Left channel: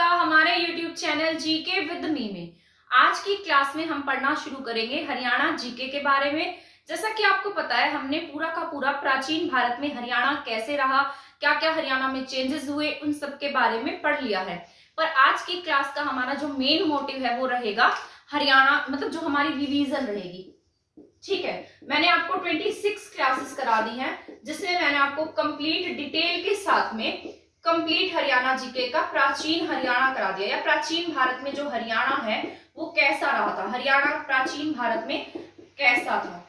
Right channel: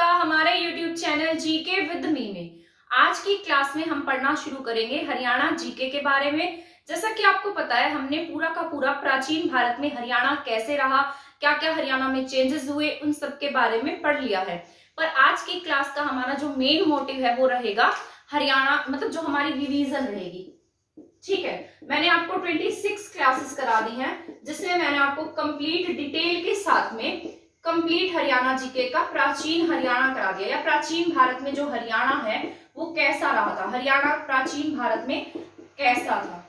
आपका हमारे YouTube channel GK with me में। आज की क्लास में हम पढ़ना शुरू करेंगे हरियाणा जीके के बारे में। जैसा कि आपको पता है, हमने पूरा का पूरा प्राचीन भारत में हरियाणा कैसे रहा, क्या क्या हरियाणा में चेंजेस हुए, उन सब के बारे में पढ़ लिया है। पर आज की क्लास का हमारा जो मेन मोटिव है वो रहेगा हरियाणा, मतलब जो हमारी रिवीजन रहेगी। ठीक है, मैंने आपको 26 क्लासेस करा दी हैं, जिसमें मैंने आपको कंप्लीट डिटेल के साथ में कंप्लीट हरियाणा जीके का प्राचीन हरियाणा करा दिया, या प्राचीन भारत में जो हरियाणा है वो कैसा रहा था, हरियाणा प्राचीन भारत में कैसा था,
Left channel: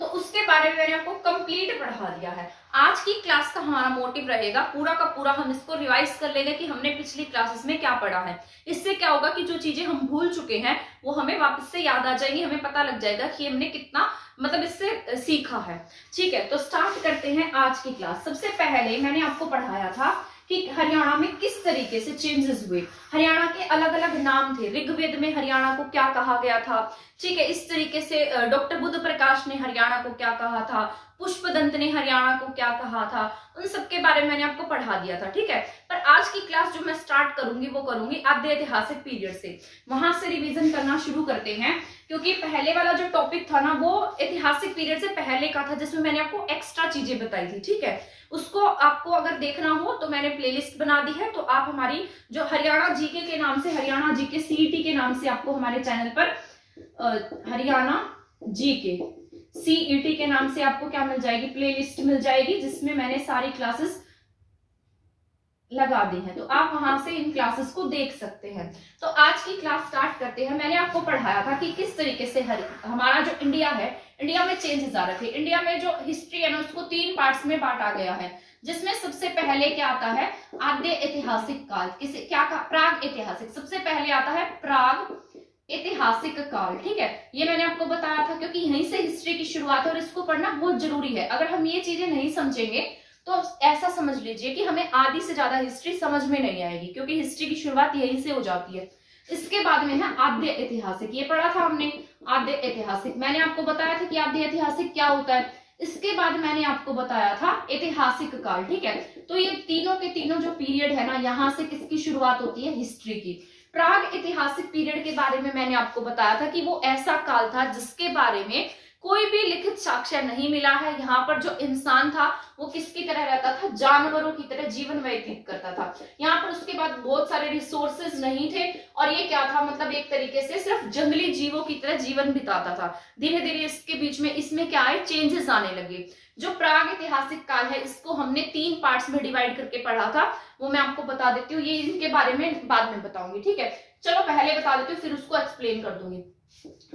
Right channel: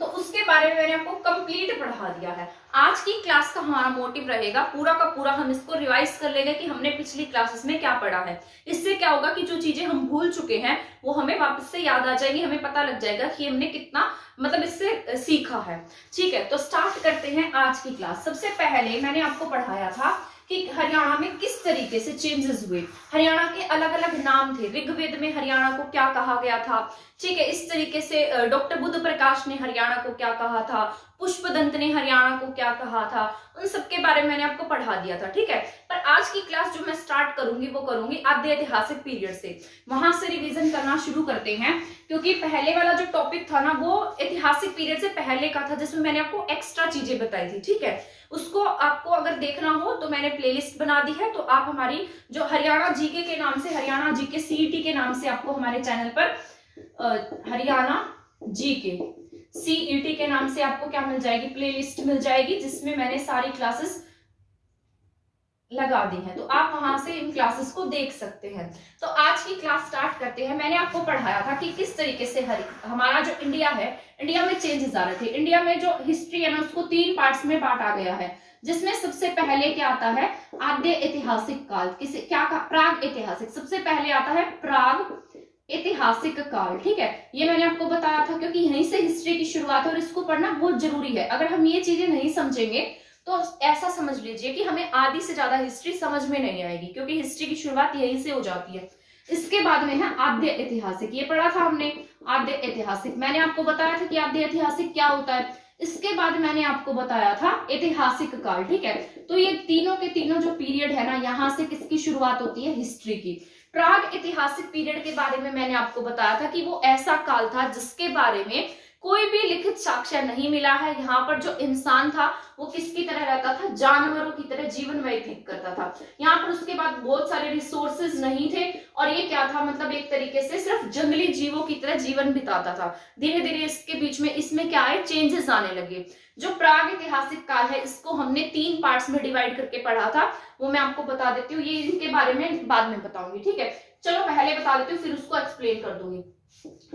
तो उसके बारे में मैंने आपको कंप्लीट पढ़ा दिया है। आज की क्लास का हमारा मोटिव रहेगा पूरा का पूरा हम इसको रिवाइज कर लेंगे कि हमने पिछली क्लासेस में क्या पढ़ा है। इससे क्या होगा कि जो चीजें हम भूल चुके हैं वो हमें वापस से याद आ जाएंगी, हमें पता लग जाएगा कि हमने कितना मतलब इससे सीखा है। ठीक है, तो स्टार्ट करते हैं आज की क्लास। सबसे पहले मैंने आपको पढ़ाया था कि हरियाणा में किस तरीके से चेंजेस हुए, हरियाणा के अलग अलग नाम थे, ऋग्वेद में हरियाणा को क्या कहा गया था। ठीक है, इस तरीके से डॉक्टर बुद्ध प्रकाश ने हरियाणा को क्या कहा था, पुष्पदंत ने हरियाणा को क्या कहा था, उन सब के बारे में मैंने आपको पढ़ा दिया था। ठीक है, पर आज की क्लास जो मैं स्टार्ट करूंगी वो करूंगी आद्य ऐतिहासिक पीरियड से, वहां से रिवीजन करना शुरू करते हैं। क्योंकि पहले वाला जो टॉपिक था ना वो ऐतिहासिक पीरियड से पहले का था, जिसमें मैंने आपको एक्स्ट्रा चीजें बताई थी। ठीक है, उसको आपको अगर देखना हो तो मैंने प्लेलिस्ट बना दी है, तो आप हमारी जो हरियाणा जीके के नाम से, हरियाणा जीके सीईटी के नाम से आपको हमारे चैनल पर हरियाणा जीके सीईटी के नाम से आपको क्या मिल जाएगी, प्लेलिस्ट मिल जाएगी, जिसमें मैंने सारी क्लासेस लगा दी हैं, तो आप वहां से इन क्लासेस को देख सकते हैं। तो आज की क्लास स्टार्ट करते हैं। मैंने आपको पढ़ाया था कि किस तरीके से हमारा जो इंडिया है, इंडिया में चेंजेस आ रहे थे। इंडिया में जो हिस्ट्री है ना उसको 3 पार्ट्स में बांटा गया है, जिसमें सबसे पहले क्या आता है, आद्य ऐतिहासिक काल, किसे क्या कहा, प्राग ऐतिहासिक। सबसे पहले आता है प्राग ऐतिहासिक काल। ठीक है, ये मैंने आपको बताया था क्योंकि यहीं से हिस्ट्री की शुरुआत है और इसको पढ़ना बहुत जरूरी है। अगर हम ये चीजें नहीं समझेंगे तो ऐसा समझ लीजिए कि हमें आधी से ज्यादा हिस्ट्री समझ में नहीं आएगी, क्योंकि हिस्ट्री की शुरुआत यहीं से हो जाती है। इसके बाद में है आद्य ऐतिहासिक, ये पढ़ा था हमने आद्य ऐतिहासिक। मैंने आपको बताया था कि आद्य ऐतिहासिक क्या होता है। इसके बाद मैंने आपको बताया था ऐतिहासिक काल। ठीक है, तो ये तीनों के तीनों जो पीरियड है ना, यहाँ से किसकी शुरुआत होती है, हिस्ट्री की। प्राग ऐतिहासिक पीरियड के बारे में मैंने आपको बताया था कि वो ऐसा काल था जिसके बारे में कोई भी लिखित साक्ष्य नहीं मिला है। यहाँ पर जो इंसान था वो किसकी तरह रहता था, जानवरों की तरह जीवन व्यतीत करता था। यहाँ पर उसके बाद बहुत सारे रिसोर्सेज नहीं थे और ये क्या था, मतलब एक तरीके से सिर्फ जंगली जीवों की तरह जीवन बिताता था। धीरे धीरे इसके बीच में इसमें क्या है, चेंजेस आने लगे। जो प्राग ऐतिहासिक काल है इसको हमने 3 पार्ट्स में डिवाइड करके पढ़ा था, वो मैं आपको बता देती हूँ, ये इनके बारे में बाद में बताऊंगी। ठीक है, चलो पहले बता देती हूँ फिर उसको एक्सप्लेन कर दूंगी।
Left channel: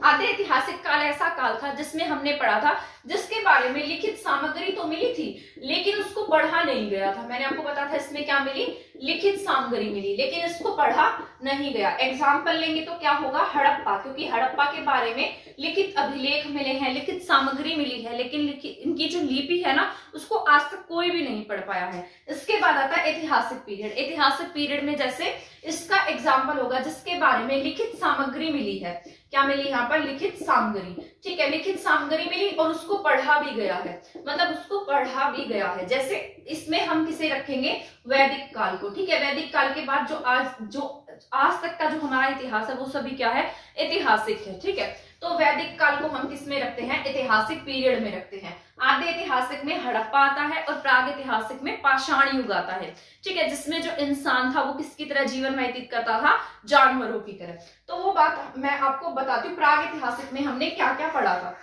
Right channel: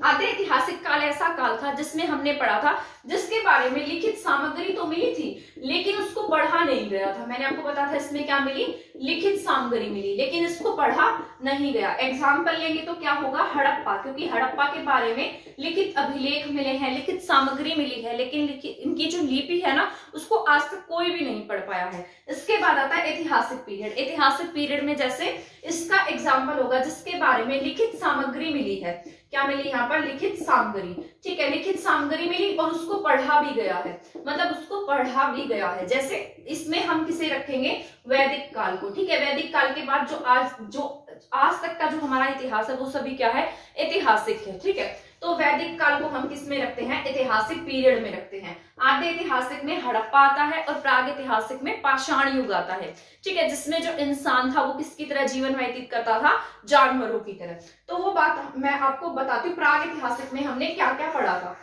आद्य ऐतिहासिक काल ऐसा काल था जिसमें हमने पढ़ा था, जिसके बारे में लिखित सामग्री तो मिली थी लेकिन उसको पढ़ा नहीं गया था। मैंने आपको बताया था इसमें क्या मिली, लिखित सामग्री मिली, लेकिन इसको पढ़ा नहीं गया। एग्जाम्पल लेंगे तो क्या होगा, हड़प्पा, क्योंकि हड़प्पा के बारे में लिखित अभिलेख मिले हैं, लिखित सामग्री मिली है, लेकिन इनकी जो लिपि है ना उसको आज तक कोई भी नहीं पढ़ पाया है। इसके बाद आता है ऐतिहासिक पीरियड। ऐतिहासिक पीरियड में जैसे इसका एग्जाम्पल होगा जिसके बारे में लिखित सामग्री मिली है, क्या मिली यहाँ पर, लिखित सामग्री। ठीक है, लिखित सामग्री मिली और उसको पढ़ा भी गया है, मतलब उसको पढ़ा भी गया है। जैसे इसमें हम किसे रखेंगे, वैदिक काल को। ठीक है, वैदिक काल के बाद जो आज तक का जो हमारा इतिहास है वो सभी क्या है, ऐतिहासिक है। ठीक है, तो वैदिक काल को हम किस में रखते हैं, ऐतिहासिक पीरियड में रखते हैं। आद्य ऐतिहासिक में हड़प्पा आता है और प्राग ऐतिहासिक में पाषाण युग आता है। ठीक है, जिसमें जो इंसान था वो किसकी तरह जीवन व्यतीत करता था, जानवरों की तरह। तो वो बात मैं आपको बताती हूँ, प्राग ऐतिहासिक में हमने क्या क्या पढ़ा था।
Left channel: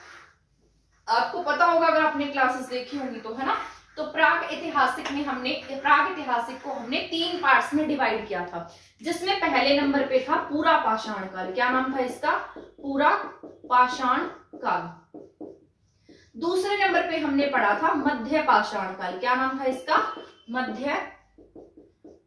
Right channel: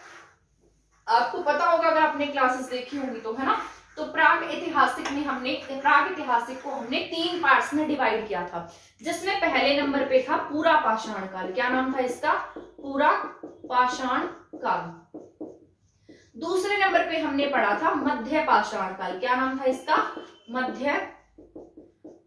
आपको पता होगा अगर आपने क्लासेस देखी होंगी तो, है ना। तो प्राग ऐतिहासिक को हमने 3 पार्ट्स में डिवाइड किया था, जिसमें पहले नंबर पे था पूरा पाषाण काल। क्या नाम था इसका, पूरा पाषाण काल। दूसरे नंबर पे हमने पढ़ा था मध्य पाषाण काल। क्या नाम था इसका, मध्य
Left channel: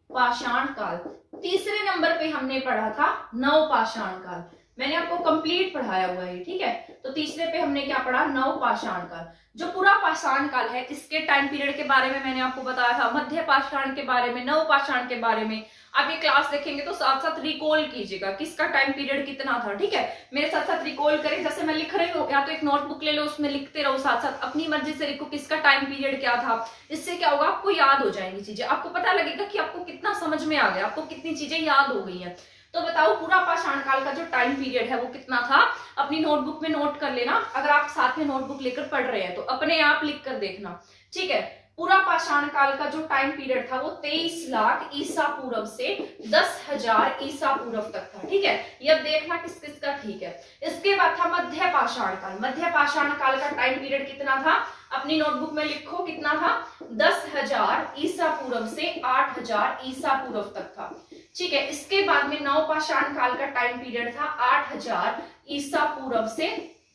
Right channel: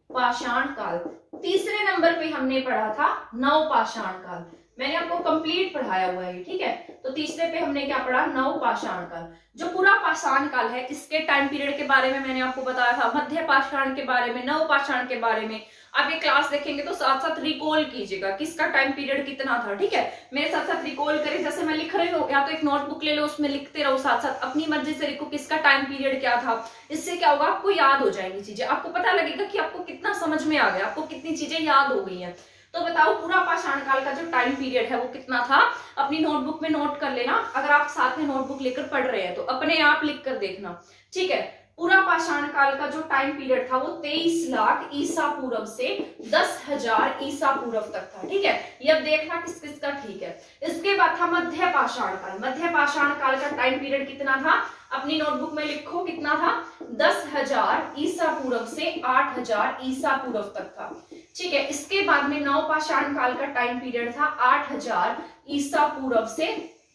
पाषाण काल। तीसरे नंबर पे हमने पढ़ा था नव पाषाण काल। मैंने आपको कंप्लीट पढ़ाया हुआ है, ठीक है। तो तीसरे पे हमने क्या पढ़ा, नवपाषाण काल। जो पूरा पाषाण काल है इसके टाइम पीरियड के बारे में मैंने आपको बताया था, मध्य पाषाण के बारे में, नवपाषाण के बारे में। आप ये क्लास देखेंगे तो साथ साथ रिकॉल कीजिएगा किसका टाइम पीरियड कितना था, ठीक है। मेरे साथ साथ रिकॉल करें, जैसे मैं लिख रही हूँ, या तो एक नोटबुक ले लो, उसमें लिखते रहो, साथ साथ अपनी मर्जी से लिखो किसका टाइम पीरियड क्या था। इससे क्या होगा, आपको याद हो जाएंगी चीजें, आपको पता लगेगा कि आपको कितना समझ में आ गया, आपको कितनी चीजें याद हो गई है। तो बताओ पूरा पाषाण काल का जो टाइम पीरियड है वो कितना था। अपनी नोटबुक में नोट कर लेना, अगर आप साथ में नोटबुक लेकर पढ़ रहे हैं तो अपने आप लिख कर देखना, ठीक है। पूरा पाषाण काल का जो टाइम पीरियड था वो 23 लाख ईसा पूर्व से 10,000 ईसा पूर्व तक था, ठीक है। ये अब देखना किस किस का ठीक है। इसके बाद था मध्य पाषाण काल। मध्य पाषाण काल का टाइम पीरियड कितना था, अपनी नोटबुक में लिखो कितना था, 10,000 ईसा पूर्व से 8,000 ईसा पूर्व तक था, ठीक है। इसके बाद में नवपाषाण काल का टाइम पीरियड था 8,000 ईसा पूर्व से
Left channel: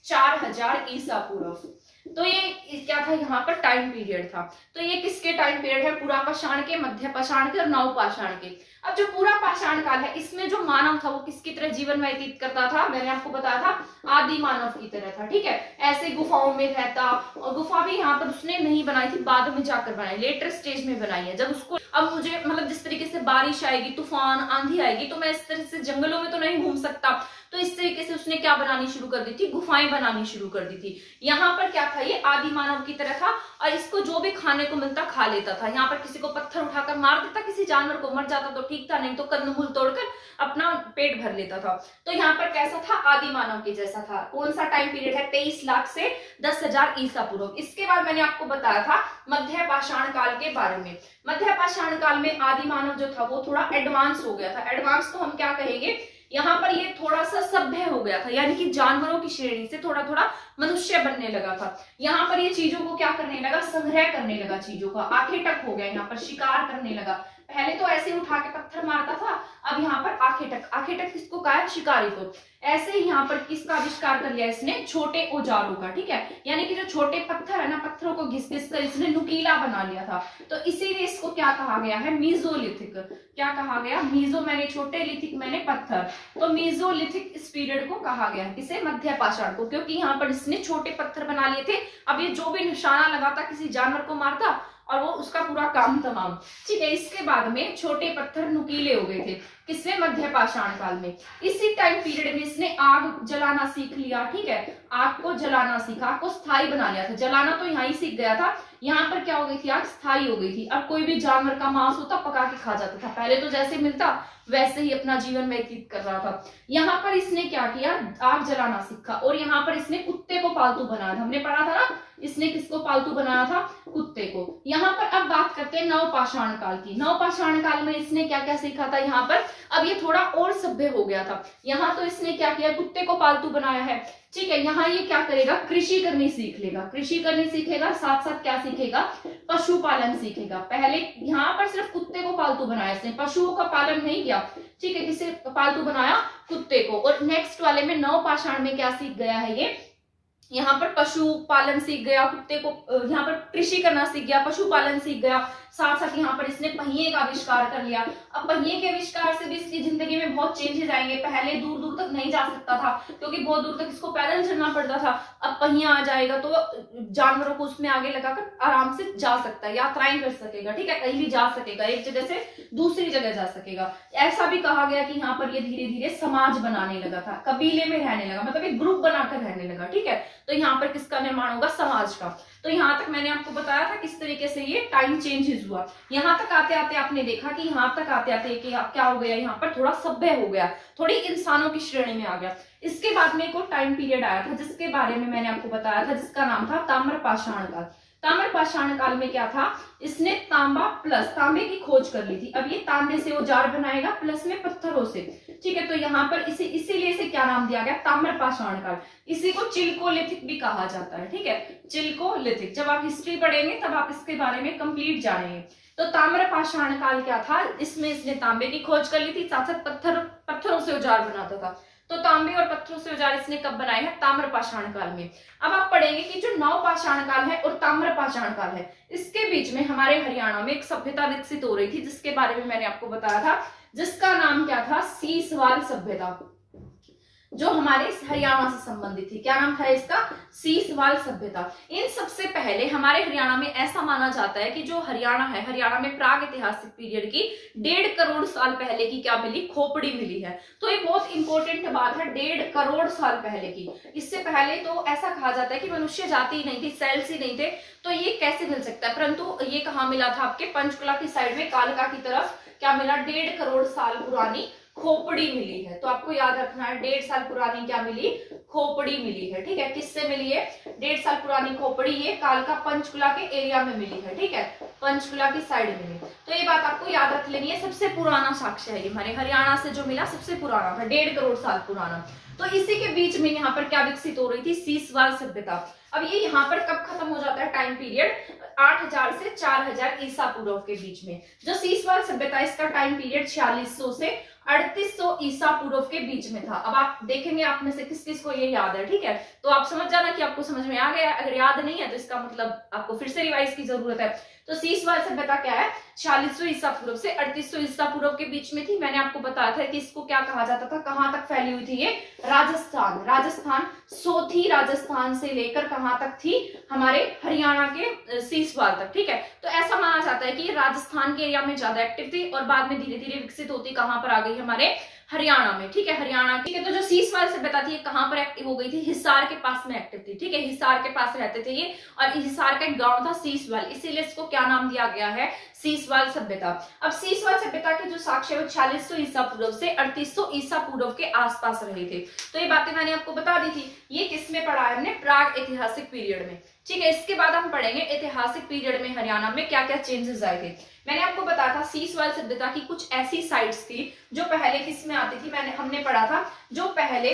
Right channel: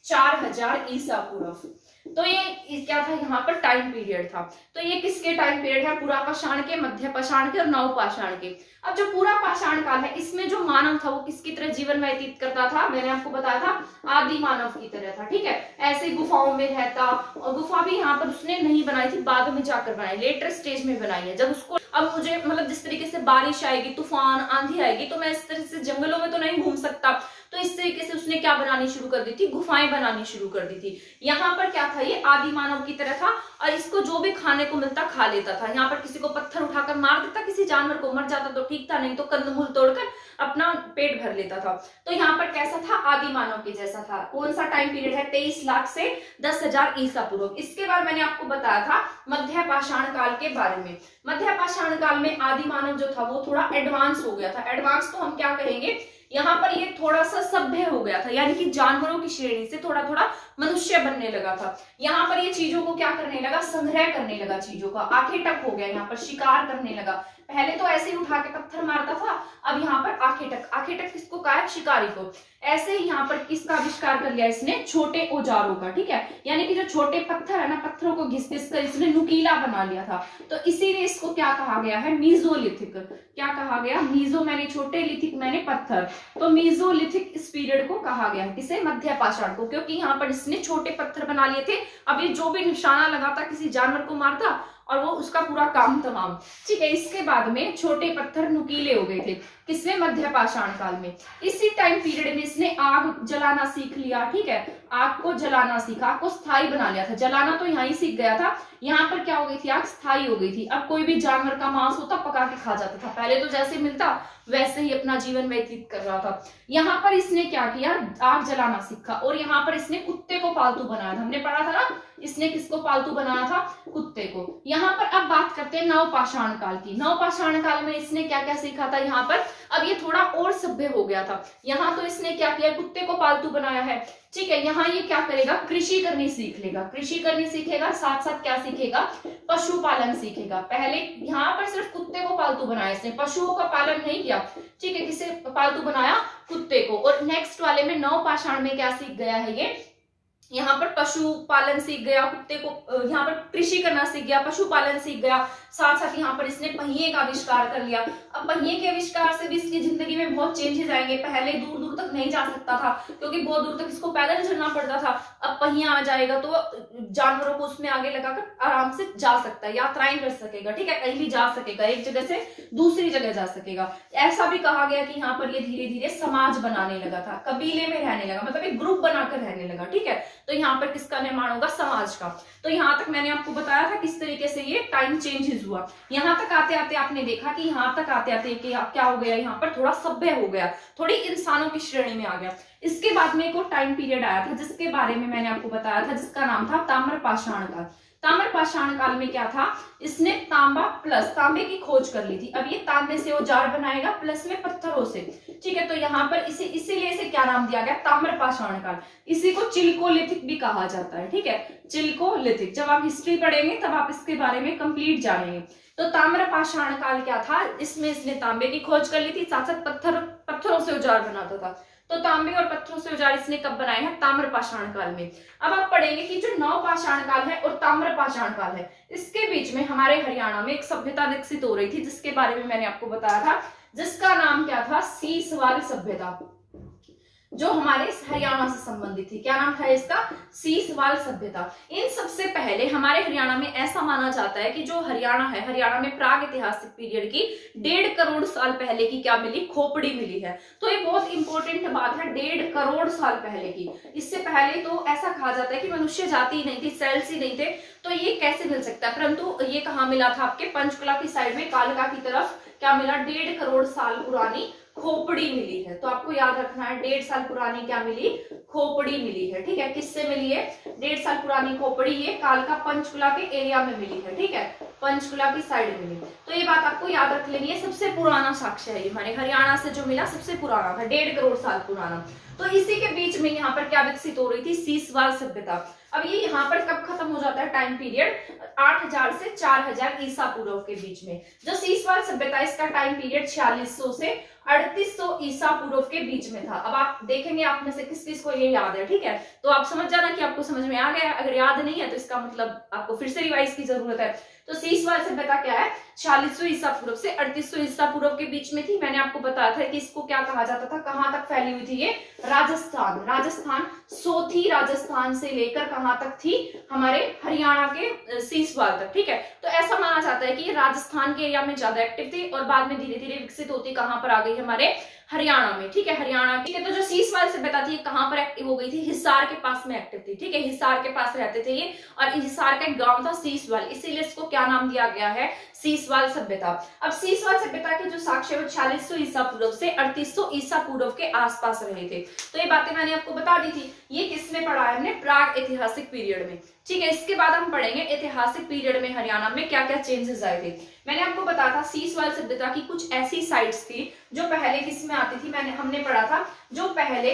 4,000 ईसा पूर्व। तो ये क्या था, यहाँ पर टाइम पीरियड था। तो ये किसके टाइम पीरियड है, पूरा पाषाण के, मध्य पाषाण के और नवपाषाण के। अब जो पूरा पाषाण काल है इसमें जो मानव था वो किसकी तरह जीवन व्यतीत करता था, मैंने आपको बताया था आदि मानव की तरह था, ठीक है। ऐसे गुफाओं में रहता, और गुफा भी यहाँ पर उसने नहीं बनाई थी, बाद में जाकर बनाई, लेटर स्टेज में बनाई है। जब उसको अब मुझे मतलब जिस तरीके से बारिश आएगी, तूफान आंधी आएगी, तो मैं इस तरह से जंगलों में तो नहीं घूम सकता, तो इस तरीके से उसने क्या बनानी शुरू कर दी थी, गुफाएं बनानी शुरू कर दी थी। यहाँ पर क्या था, ये आदि मानव की तरह था, और इसको जो भी खाने को मिलता खा लेता था। यहाँ पर किसी को पत्थर उठाकर मार देता, किसी जानवर को, मर जाता तो ठीक था, नहीं तो कंदमूल तोड़कर अपना पेट भर लेता था। तो यहाँ पर कैसा था, आदि मानव के जैसा था। कौन सा टाइम पीरियड है, 23 लाख से 10,000 ईसा पूर्व। इसके बाद मैंने आपको बताया था मध्य पाषाण काल के बारे में। मध्य पाषाण काल में आदि मानव जो था वो थोड़ा एडवांस हो गया था। एडवांस तो हम क्या कहेंगे, यहाँ पर ये थोड़ा सा सभ्य हो गया था, यानी कि जानवरों की श्रेणी से थोड़ा थोड़ा मनुष्य बनने लगा था। यहाँ पर ये चीजों को क्या करने लगा, संग्रह करने लगा चीजों का, आखेटक हो गया, यहाँ पर शिकार करने लगा। पहले तो ऐसे ही उठा के पत्थर मारता था, अब यहाँ पर आखेटक, आखेटक किसको कहा है, शिकारी को। ऐसे ही यहाँ पर किसका आविष्कार कर लिया इसने, छोटे औजारों का, ठीक है। यानी कि जो छोटे पत्थर है ना, पत्थरों को घिस घिस कर इसने नुकीला बना लिया था। तो इसीलिए इसको क्या कहा गया है, मीजोलिथिक। क्या कहा गया, मीजो मैंने छोटे, लिथिक मैंने पत्थर, तो मीजोलिथिक इस पीरियड को कहा गया है, किसे, मध्य पाषाण को, क्योंकि यहाँ पर इसने छोटे पत्थर बना लिए थे। अब ये जो भी निशाना लगाता किसी जानवर को मारता और वो उसका पूरा काम तमाम, ठीक है। इसके बाद में छोटे पत्थर नुकीले हो गए थे, किसमें, मध्य पाषाण काल में। इसी टाइम पीरियड में इसने आग जलाना सीख लिया, ठीक है। आग को जलाना सीखा, आग को स्थायी बना लिया था। जलाना तो यहाँ ही सीख गया था, यहाँ पर क्या हो गई थी, आग स्थायी हो गई थी। अब कोई भी जानवर का मांस होता पका के खा जाता था, पहले तो जैसे मिलता वैसे ही अपना जीवन व्यतीत कर रहा था। यहाँ पर इसने क्या किया, आग जलाना सीखा, और यहाँ पर इसने कुत्ते को पालतू बनाया था। हमने पढ़ा था ना, इसने किसको पालतू बनाया था, कुत्ते को। यहाँ पर अब बात करते हैं नवपाषाण काल की। नवपाषाण काल में इसने क्या क्या सीखा था, यहाँ पर अब ये थोड़ा और सभ्य हो गया था। यहाँ तो इसने क्या किया, कुत्ते को पालतू बनाया है, ठीक है। यहाँ ये क्या करेगा, कृषि करनी सीख लेगा, कृषि करनी सीखेगा, साथ साथ क्या सीखेगा, पशुपालन सीखेगा। पहले यहाँ पर सिर्फ कुत्ते को पालतू बनाया इसने, पशुओं का पालन नहीं किया, ठीक है। किसे पालतू बनाया, कुत्ते को। और नेक्स्ट वाले में नवपाषाण में क्या सीख गया है, ये यहाँ पर पशुपालन सीख गया, कुत्ते को यहाँ पर कृषि करना सीख गया, पशुपालन सीख गया, साथ साथ यहाँ पर इसने पहिए का आविष्कार कर लिया। अब पहिए के आविष्कार से भी इसकी जिंदगी में बहुत चेंजेस आएंगे। पहले दूर दूर तक नहीं जा सकता था, क्योंकि बहुत दूर तक इसको पैदल चलना पड़ता था। अब पहिया आ जाएगा तो जानवरों को उसमें आगे लगाकर आराम से जा सकता है, यात्राएं कर सकेगा, ठीक है। कहीं भी जा सकेगा, एक जगह से दूसरी जगह जा सकेगा। ऐसा भी कहा गया कि यहाँ पर ये धीरे धीरे समाज बनाने लगा था, कबीले में रहने लगा, मतलब एक ग्रुप बनाकर रहने लगा, ठीक है। तो यहाँ पर किसका निर्माण होगा, समाज का। तो यहाँ तक मैंने आपको बताया था किस तरीके से ये टाइम चेंजेस हुआ। यहाँ तक आते आते आपने देखा कि यहाँ तक आते आते क्या हो गया, यहाँ पर थोड़ा सभ्य हो गया, थोड़ी इंसानों की श्रेणी में आ गया। इसके बाद में एक टाइम पीरियड आया था जिसके बारे में मैंने आपको बताया था, जिसका नाम था ताम्रपाषाण काल। ताम्रपाषाण काल में क्या था, इसने तांबा प्लस तांबे की खोज कर ली थी। अब ये तांबे से औजार बनाएगा, प्लस में पत्थरों से, ठीक है। तो यहाँ पर इसीलिए इसे क्या नाम दिया गया, ताम्रपाषाण काल। इसी को चिल्कोलिथिक भी कहा जाता है, ठीक है, चिल्कोलिथिक। जब आप हिस्ट्री पढ़ेंगे तब आप इसके बारे में कंप्लीट जानेंगे। तो ताम्रपाषाण काल क्या था, इसमें इसने तांबे की खोज कर ली थी, साथ साथ पत्थरों से औजार बनाता था। तो तांबे और पत्थरों से औजार इसने कब बनाए हैं, ताम्रपाषाण काल में। अब आप पढ़ेंगे कि जो नवपाषाण काल है और ताम्रपाषाण काल है, इसके बीच में हमारे हरियाणा में एक सभ्यता विकसित हो रही थी, जिसके बारे में मैंने आपको बताया था, जिसका नाम क्या था, सीसवाल सभ्यता। जो हमारे हरियाणा से संबंधित थी। क्या नाम था इसका? सीसवाल सभ्यता। इन सबसे पहले हमारे हरियाणा में ऐसा माना जाता है कि जो हरियाणा है, हरियाणा में प्राग ऐतिहासिक पीरियड की 1.5 करोड़ साल पहले की क्या मिली? खोपड़ी मिली है। तो ये बहुत इंपॉर्टेंट बात है, 1.5 करोड़ साल पहले की। इससे पहले तो ऐसा कहा जाता है कि मनुष्य जाति ही नहीं थी, सेल्स ही नहीं थे, तो ये कैसे मिल सकता है? परंतु ये कहाँ मिला था? आपके पंचकुला की साइड में कालका की तरफ क्या मिला? 1.5 करोड़ साल पुरानी खोपड़ी मिली है। तो आपको याद रखना है 1.5 साल पुरानी क्या मिली? खोपड़ी मिली है। ठीक है, किससे मिली है? 1.5 साल पुरानी खोपड़ी ये कालका पंचकुला के एरिया में मिली है। ठीक है, पंचकुला की साइड मिली। तो ये बात आपको याद रख लेनी है, सबसे पुराना साक्ष्य है ये हमारे हरियाणा से जो मिला, सबसे पुराना था, 1.5 करोड़ साल पुराना। तो इसी के बीच में यहाँ पर क्या विकसित हो रही थी? सीसवाल सभ्यता। अब ये यहाँ पर कब खत्म हो जाता है टाइम पीरियड? 8000 से 4000 ईसा पूर्व के बीच में। जो सीसवाल सभ्यता, इसका टाइम पीरियड 4600 से 3800 ईसा पूर्व के बीच में था। अब आप देखेंगे आप में से किस किस को ये याद है। ठीक है, तो आप समझ जाना कि आपको समझ में आ गया। अगर याद नहीं है तो इसका मतलब आपको फिर से रिवाइज की जरूरत है। तो सीसवाल सभ्यता क्या है? 4600 ईसा पूर्व से 3800 ईसा पूर्व के बीच में थी। मैंने आपको बताया था कि इसको क्या कहा जाता था, कहां तक फैली हुई थी ये? राजस्थान, सोथी राजस्थान से लेकर कहां तक थी? हमारे हरियाणा के सीसवाल तक। ठीक है, तो ऐसा माना जाता है कि ये राजस्थान के एरिया में ज्यादा एक्टिव थी और बाद में धीरे धीरे विकसित होती कहां पर आ गई? हमारे हरियाणा में। ठीक है, हरियाणा। ठीक है, तो जो सीसवाल सभ्यता थी कहां पर एक्टिव हो गई थी? हिसार के पास में एक्टिव थी। ठीक है, हिसार के पास रहते थे ये, और हिसार का एक गांव था सीसवाल, इसीलिए इसको क्या नाम दिया गया है? सीसवाल सभ्यता। अब सीसवाल सभ्यता के जो साक्ष्य 4600 ईसा पूर्व से 3800 ईसा पूर्व के आसपास रहे थे। तो ये बातें मैंने आपको बता दी थी। ये किसमें पढ़ा है हमने? प्राग ऐतिहासिक पीरियड में। ठीक है, इसके बाद हम पढ़ेंगे ऐतिहासिक पीरियड में हरियाणा में क्या क्या चेंजेस आए थे। मैंने आपको बताया था सीसवाल सभ्यता की कुछ ऐसी साइट्स थी जो पहले किस में आती थी। हमने पढ़ा था जो पहले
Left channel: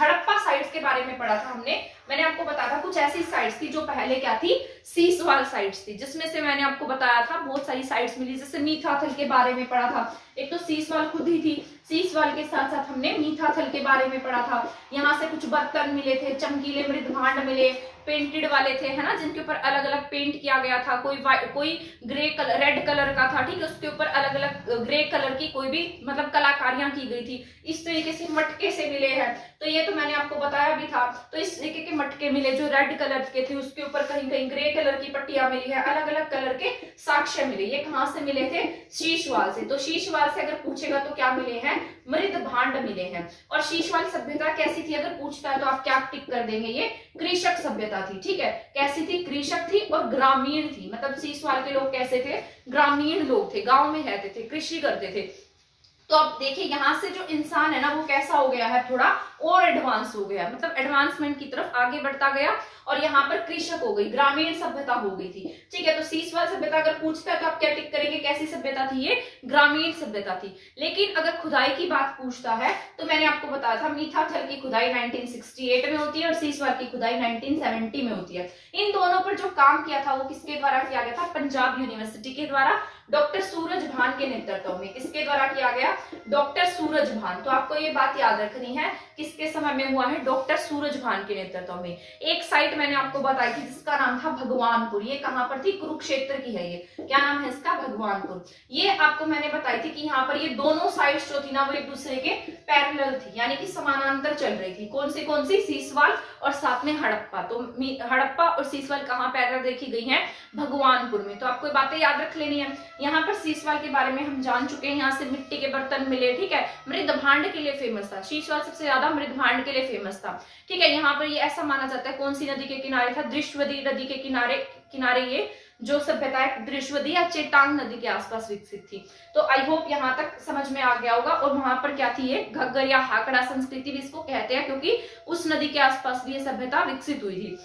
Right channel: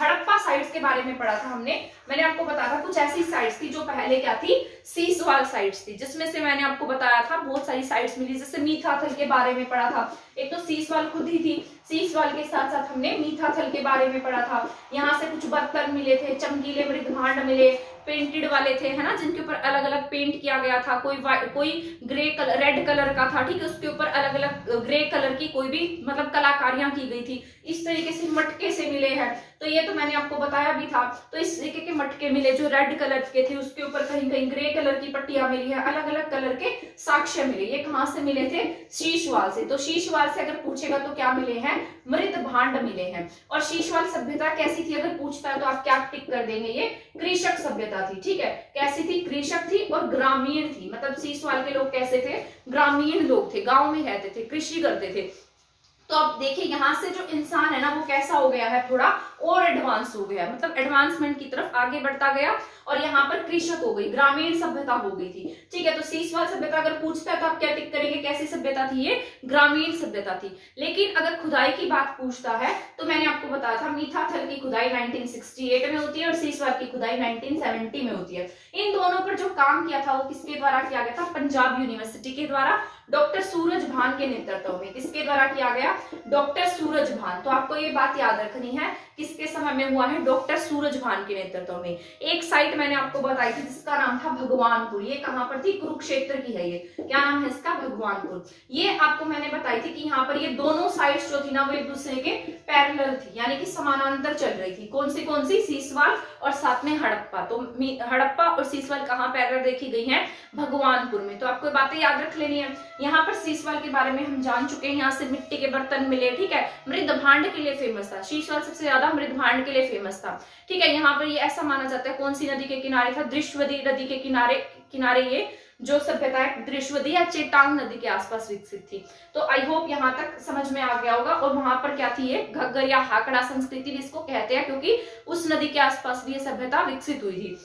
हड़प्पा साइट्स के बारे में पढ़ा था हमने। मैंने आपको बताया था कुछ ऐसी साइट्स थी जो पहले क्या थी? सीसवाल साइट्स थी, जिसमें से मैंने आपको बताया था बहुत सारी साइट्स मिली। जैसे मीठाथल के बारे में पढ़ा था, एक तो सीसवाल खुद ही थी, सीसवाल के साथ साथ हमने मीठाथल के बारे में पढ़ा था। यहाँ से कुछ बर्तन मिले थे, चमकीले मृद भांड मिले, पेंटेड वाले थे, है ना, जिनके ऊपर अलग अलग पेंट किया गया था। कोई ग्रे कलर, रेड कलर का था। ठीक है, उसके ऊपर अलग अलग ग्रे कलर की कोई भी मतलब कलाकारियां की गई थी। इस तरीके से मटके से मिले हैं, तो ये तो मैंने आपको बताया भी था। तो इस तरीके के मटके मिले जो रेड कलर के थे, उसके ऊपर कहीं कहीं ग्रे कलर की पट्टियां मिली है, अलग अलग कलर के साक्ष्य मिले। ये कहाँ से मिले थे? शीशवाल से। तो शीशवाल से अगर पूछेगा तो क्या मिले हैं? मृद भांड मिले हैं। और शीशवाल सभ्यता कैसी थी अगर पूछता है तो आप क्या टिक कर देंगे? ये कृषक सभ्यता थी। ठीक है, कैसी थी? कृषक थी और ग्रामीण थी। मतलब सीसवाल के लोग कैसे थे? ग्रामीण लोग थे, गांव में रहते थे, कृषि करते थे। तो अब देखिए यहाँ से जो इंसान है ना वो कैसा हो गया है? थोड़ा और एडवांस हो गया, मतलब एडवांसमेंट की तरफ आगे बढ़ता गया, और यहाँ पर कृषक हो गई, ग्रामीण सभ्यता हो गई थी। ठीक है, तो सीसवाल सभ्यता अगर पूछता है तो आप क्या टिक करेंगे? कैसी सभ्यता थी ये? ग्रामीण सभ्यता थी। लेकिन अगर खुदाई की बात पूछता है तो मैंने आपको बताया था मीठाथल की खुदाई 1968 में होती है और सीसवाल की खुदाई 1970 में होती है। इन दोनों पर जो काम किया था वो किसके द्वारा किया गया था? पंजाब यूनिवर्सिटी के द्वारा, डॉक्टर सूरज भान के नेतृत्व में। किसके द्वारा किया गया? डॉक्टर सूरज भान। तो आपको ये बात याद रखनी है, किसके समय में हुआ है? डॉक्टर सूरज भान के नेतृत्व में। एक साइट मैंने आपको बताई थी जिसका नाम था भगवानपुर। ये कहां पर थी? कुरुक्षेत्र की है ये। क्या नाम है इसका? भगवानपुर। ये आपको मैंने बताई थी कि यहाँ पर ये दोनों साइट्स जो थी ना वो एक दूसरे के पैरेलल थी, यानी कि समानांतर चल रही थी। कौन सी? सीसवाल और साथ में हड़प्पा। तो हड़प्पा और सीसवाल कहाँ पैरेलल देखी गई है? भगवानपुर में। तो आपको बातें याद रख लेनी है। यहाँ पर सीसवाल के बारे में हम जान चुके हैं, यहाँ से मिट्टी के बर्तन मिले। ठीक है, मृद भांड के लिए फेमस था सीसवाल, सबसे ज्यादा मृद भांड के लिए फेमस था। ठीक है, यहाँ पर ये ऐसा माना जाता है, कौन सी नदी के किनारे था? दृश्यवती नदी के किनारे ये जो सभ्यता है दृश्यवती या चेटांग नदी के आसपास विकसित थी। तो आई होप यहाँ तक समझ में आ गया होगा। और वहां पर क्या थी? ये घग्गर या हाकड़ा संस्कृति भी इसको कहते हैं, क्योंकि उस नदी के आसपास भी ये सभ्यता विकसित हुई थी।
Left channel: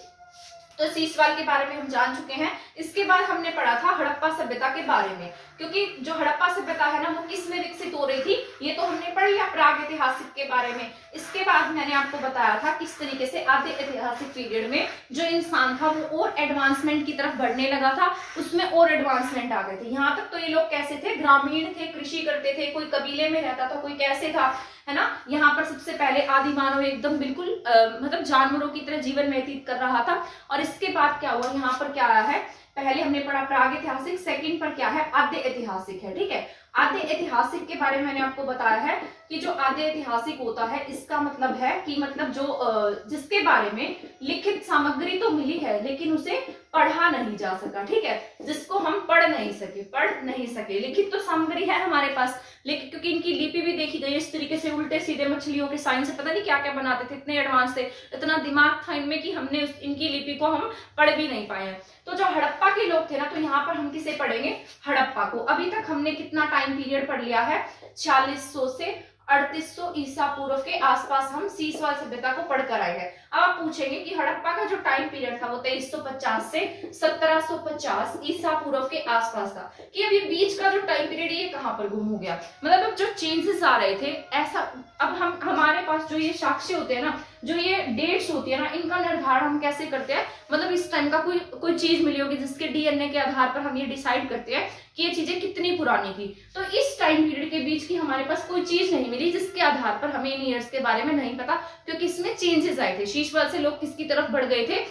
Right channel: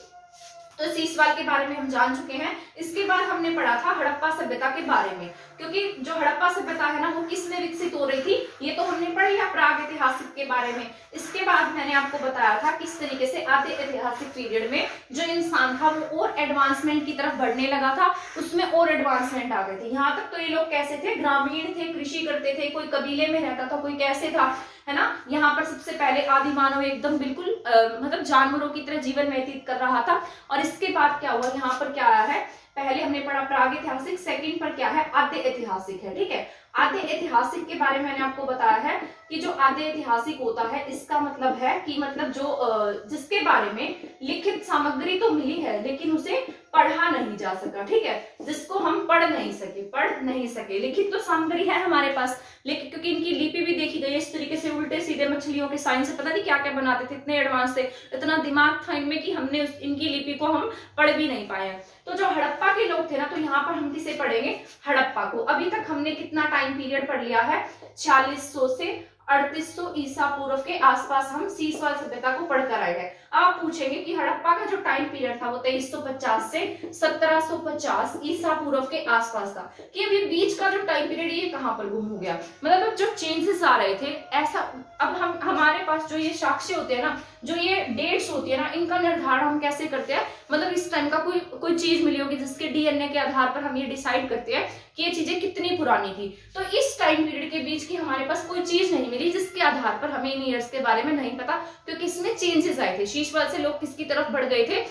तो सीसवाल के बारे में हम जान चुके हैं। इसके बाद हमने पढ़ा था हड़प्पा सभ्यता के बारे में, क्योंकि जो हड़प्पा सभ्यता है ना वो किस में विकसित हो रही थी? ये तो हमने पढ़ लिया प्राग ऐतिहासिक के बारे में। इसके बाद मैंने आपको बताया था किस तरीके से आधे ऐतिहासिक पीरियड में जो इंसान था वो और एडवांसमेंट की तरफ बढ़ने लगा था, उसमें और एडवांसमेंट आ गए थे। यहाँ तक तो ये लोग कैसे थे? ग्रामीण थे, कृषि करते थे, कोई कबीले में रहता था, कोई कैसे था, है ना। यहाँ पर सबसे पहले आदि मानव एकदम बिल्कुल मतलब जानवरों की तरह जीवन व्यतीत कर रहा था। और इसके बाद क्या हुआ? यहाँ पर क्या आया है? पहले हमने पढ़ा प्राग ऐतिहासिक, सेकंड पर क्या है? आद्य ऐतिहासिक है। ठीक है, आद्य ऐतिहासिक के बारे में मैंने आपको बताया है कि जो आद्य ऐतिहासिक होता है इसका मतलब है कि मतलब जो जिसके बारे में लिखित सामग्री तो मिली है लेकिन उसे पढ़ा नहीं जा सका, ठीक है, जिसको हम पढ़ नहीं सके। लिखित तो सामग्री है हमारे पास, लेकिन क्योंकि इनकी लिपि भी देखी गई इस तरीके से उल्टे सीधे मछलियों के साइन से, पता नहीं क्या क्या बनाते थे, इतने एडवांस थे, इतना दिमाग था इनमें कि हमने इनकी लिपि को हम पढ़ भी नहीं पाए। तो जो हड़प्पा के लोग थे ना, तो यहाँ पर हम किसे पढ़ेंगे, हड़प्पा को। अभी तक हमने कितना टाइम पीरियड पढ़ लिया है, 4600 से 3800 ईसा पूर्व के आसपास हम सीसवाल सभ्यता को पढ़कर आए हैं। अब आप पूछेंगे कि हड़प्पा का जो टाइम पीरियड था वो 2350 से 1750 ईसा पूर्व के आसपास था, कि अभी बीच का जो टाइम पीरियड ये कहाँ पर गुम हो गया। मतलब अब जो चेंजेस आ रहे थे ऐसा, अब हम हमारे पास जो ये साक्ष्य होते हैं ना, जो ये डेट्स होती है ना, इनका निर्धारण हम कैसे करते हैं, मतलब इस टाइम का कोई चीज मिली होगी जिसके डीएनए के आधार पर हम ये डिसाइड करते हैं कि ये चीजें कितनी पुरानी थी। तो इस टाइम पीरियड के बीच की हमारे पास कोई चीज नहीं मिली जिसके आधार पर हमें इन ईयर्स के बारे में नहीं पता, क्योंकि इसमें चेंजेस आए थे। शीशवाल से लोग किसकी तरफ बढ़ गए थे,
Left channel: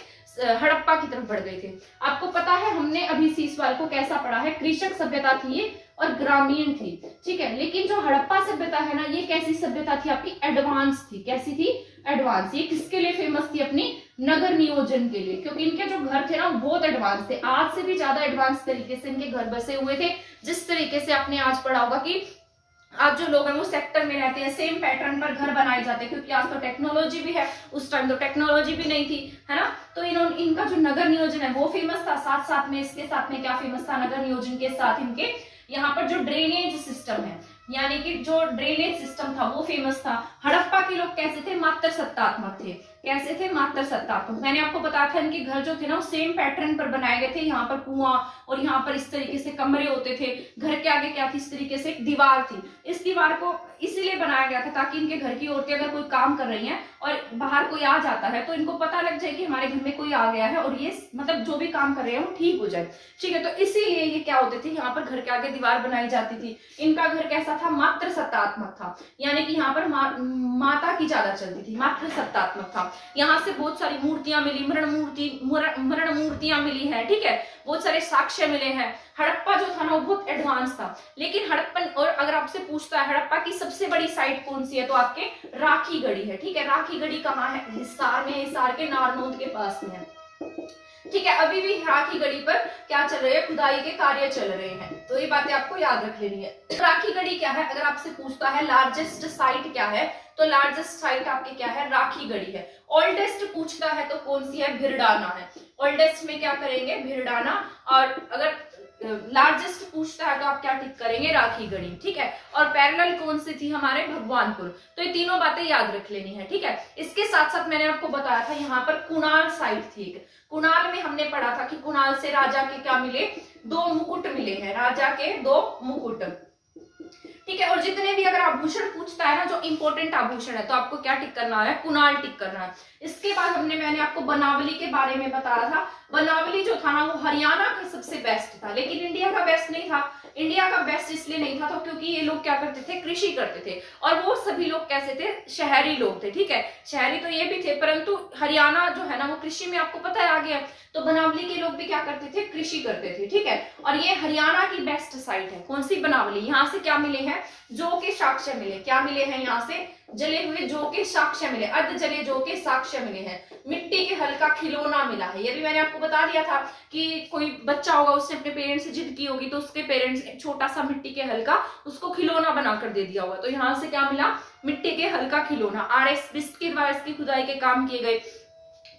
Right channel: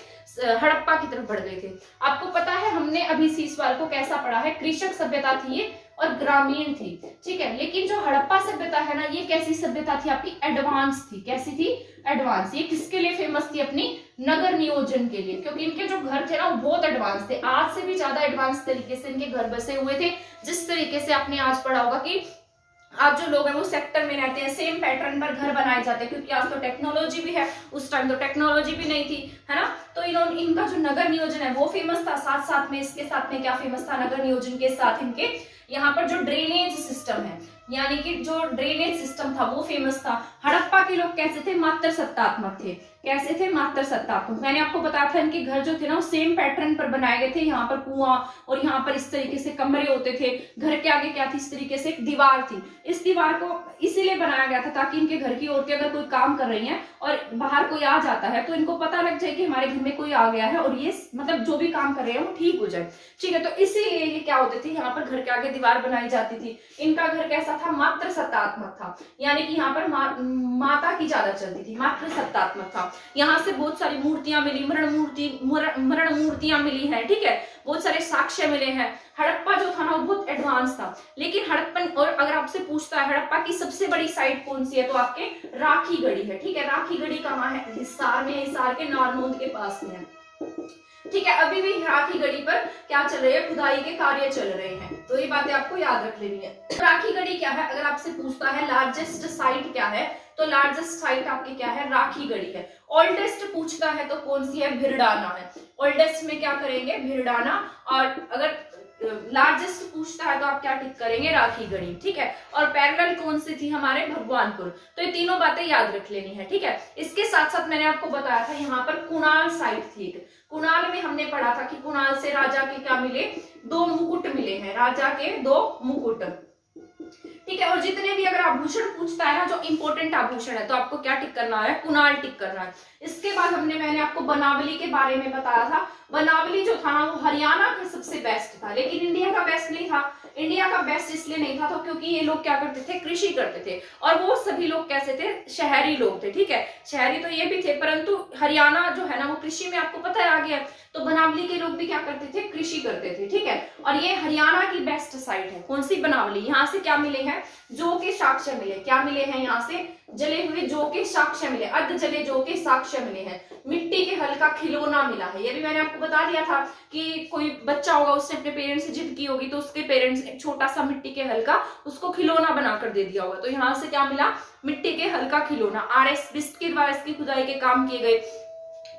हड़प्पा की तरफ बढ़ गए थे। आपको पता है हमने अभी सीसवाल को कैसा पढ़ा है, कृषक सभ्यता थी ये और ग्रामीण थी, ठीक है। लेकिन जो हड़प्पा सभ्यता है ना, ये कैसी सभ्यता थी आपकी, एडवांस थी। कैसी थी, एडवांस। ये किसके लिए फेमस थी, अपनी नगर नियोजन के लिए, क्योंकि इनके जो घर थे ना वो बहुत एडवांस थे, आज से भी ज्यादा एडवांस तरीके से इनके घर बसे हुए थे। जिस तरीके से आपने आज पढ़ा होगा कि आज जो लोग हैं वो सेक्टर में रहते हैं, सेम पैटर्न पर घर बनाए जाते हैं, क्योंकि आज तो टेक्नोलॉजी भी है, उस टाइम तो टेक्नोलॉजी भी नहीं थी, है ना। तो इनका जो नगर नियोजन है वो फेमस था। साथ साथ में इसके साथ में क्या फेमस था, नगर नियोजन के साथ इनके यहाँ पर जो ड्रेनेज सिस्टम है, यानी कि जो ड्रेनेज सिस्टम था वो फेमस था। हड़प्पा के लोग कैसे थे, मात्र सत्तात्मक थे। कैसे थे, मात्र सत्तात्मक। मैंने आपको बताया था इनके घर जो थे ना वो सेम पैटर्न पर बनाए गए थे। यहाँ पर कुआं और यहाँ पर इस तरीके से कमरे होते थे। घर के आगे क्या थी, इस तरीके से एक दीवार थी। इस दीवार को इसीलिए बनाया गया था ताकि इनके घर की औरतें अगर कोई काम कर रही हैं और बाहर कोई आ जाता है तो इनको पता लग जाए कि हमारे घर में कोई आ गया है और ये मतलब जो भी काम कर रहे हैं वो ठीक हो जाए, ठीक है। तो इसीलिए ये क्या होते थे, यहाँ पर घर के आगे दीवार बनाई जाती थी। इनका घर कैसा था, मात्र सत्तात्मक था, यानी कि यहाँ पर माता की ज्यादा चलती थी, मात्र सत्तात्मक था। यहाँ से बहुत सारी मूर्तियां मिली, मरण मूर्तियां मिली है, ठीक है, बहुत सारे साक्ष्य मिले हैं। हड़प्पा जो था ना वो बहुत एडवांस था। लेकिन हड़प्पन, और अगर आपसे पूछता है हड़प्पा की सबसे बड़ी साइट कौन सी है, तो आपके राखी गढ़ी है, ठीक है। राखी गढ़ी कहाँ है, हिसार में, हिसार के नारनौंद के पास में है, ठीक है। अभी भी राखी गढ़ी पर क्या चल रहे हैं, खुदाई के कार्य चल रहे हैं, तो ये बातें आपको याद रख लेनी है। राखी गढ़ी क्या है, अगर आपसे पूछता है लार्जेस्ट साइट क्या है, तो लार्जेस्ट साइट आपके क्या है, राखी गढ़ी है। ओल्डेस्ट पूछता है तो कौन सी है, भिरडाना है। ओल्डेस्ट में क्या करेंगे, भिरडाना। और अगर लार्जेस्ट पूछता है तो आप क्या टिक करेंगे, राखी गढ़ी, ठीक है। और पैरेलल कौन सी थी, हमारे भगवानपुर। तो ये तीनों बातें याद रख लेनी है, ठीक है। इसके साथ साथ मैंने आपको बताया था यहाँ पर कुणाल साइट थी। कुणाल में हमने पढ़ा था कि कुणाल से राजा के क्या मिले, 2 मुकुट मिले हैं, राजा के 2 मुकुट, ठीक है। और जितने भी अगर आभूषण पूछता है ना, जो इंपॉर्टेंट आभूषण है, तो आपको क्या टिक करना है, कुणाल टिक करना है। इसके बाद मैंने आपको बनावली के बारे में बताया था। बनावली जो था ना वो हरियाणा का सबसे बेस्ट था, लेकिन इंडिया का बेस्ट नहीं था। इंडिया का बेस्ट इसलिए नहीं था तो क्योंकि ये लोग क्या करते थे, कृषि करते थे, और वो सभी लोग कैसे थे, शहरी लोग थे, ठीक है। शहरी तो ये भी थे, परंतु हरियाणा जो है ना वो कृषि में, आपको पता है आगे है, तो बनावली के लोग भी क्या करते थे, कृषि करते थे, ठीक है। और ये हरियाणा की बेस्ट साइट है, कौन सी, बनावली। यहाँ से क्या मिले हैं, जौ के साक्ष्य मिले। क्या मिले हैं, यहाँ से जले हुए जौ के साक्ष्य मिले, अर्ध जले जौ के साक्ष्य मिले हैं। मिट्टी के हल का खिलौना मिला है, ये भी मैंने आपको बता दिया था कि कोई बच्चा होगा, उसने अपने पेरेंट्स से जिद की होगी तो उसके पेरेंट्स ने छोटा सा मिट्टी के हल का उसको खिलौना बनाकर दे दिया होगा। तो यहाँ से क्या मिला, मिट्टी के हल का खिलौना। आरएस बिस्ट के द्वारा इसकी खुदाई के काम किए गए।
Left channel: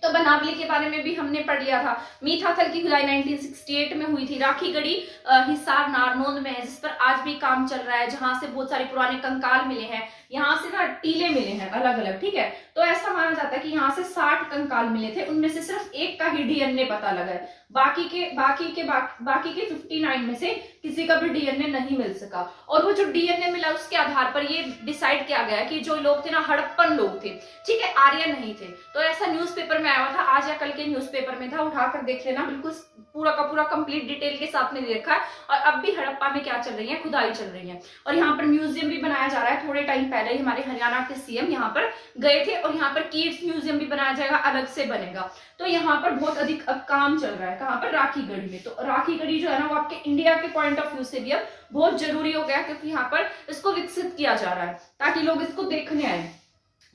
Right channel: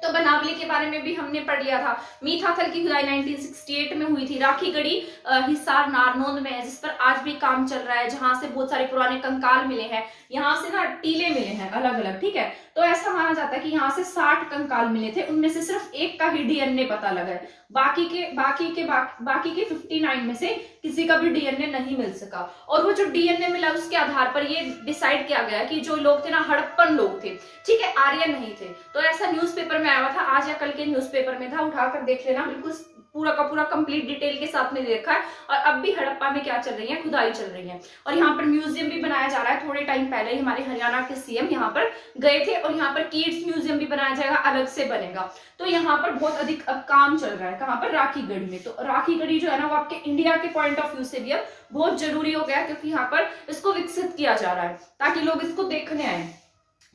तो बनावली के बारे में भी हमने पढ़ लिया था। मीठाथल की खुदाई 1968 में हुई थी। राखी गढ़ी हिसार नारनौंद में है, जिस पर आज भी काम चल रहा है, जहां से बहुत सारे पुराने कंकाल मिले हैं। यहाँ से ना टीले मिले हैं अलग अलग, ठीक है। तो ऐसा माना जाता है कि यहाँ से 60 कंकाल मिले थे, उनमें से सिर्फ एक का ही डीएनए पता लगा है। बाकी के 59 में से किसी का भी डीएनए नहीं मिल सका। और वो जो डीएनए मिला उसके आधार पर ये डिसाइड किया गया कि जो लोग थे ना हड़प्पन लोग थे, ठीक है, आर्यन नहीं थे। तो ऐसा न्यूज़पेपर में आया हुआ था, आज या कल के न्यूज़पेपर में था, उठाकर देख लेना, बिल्कुल पूरा का पूरा कंप्लीट डिटेल के साथ में दे रखा है। और अब भी हड़प्पा में क्या चल रही है, खुदाई चल रही है। और यहाँ पर म्यूजियम भी बनाया जा रहा है। थोड़े टाइम पहले ही हमारे हरियाणा के सीएम यहाँ पर गए थे और यहाँ पर किड्स म्यूजियम भी बनाया जाएगा, अलग से बनेगा। तो यहाँ पर बहुत अधिक अब काम चल रहा है। कहाँ पर, राखीगढ़ी में। तो राखीगढ़ी जो है ना वो आपके इंडिया के पॉइंट ऑफ व्यू से भी अब बहुत जरूरी हो गया, क्योंकि यहाँ पर इसको विकसित किया जा रहा है ताकि लोग इसको देखने आए।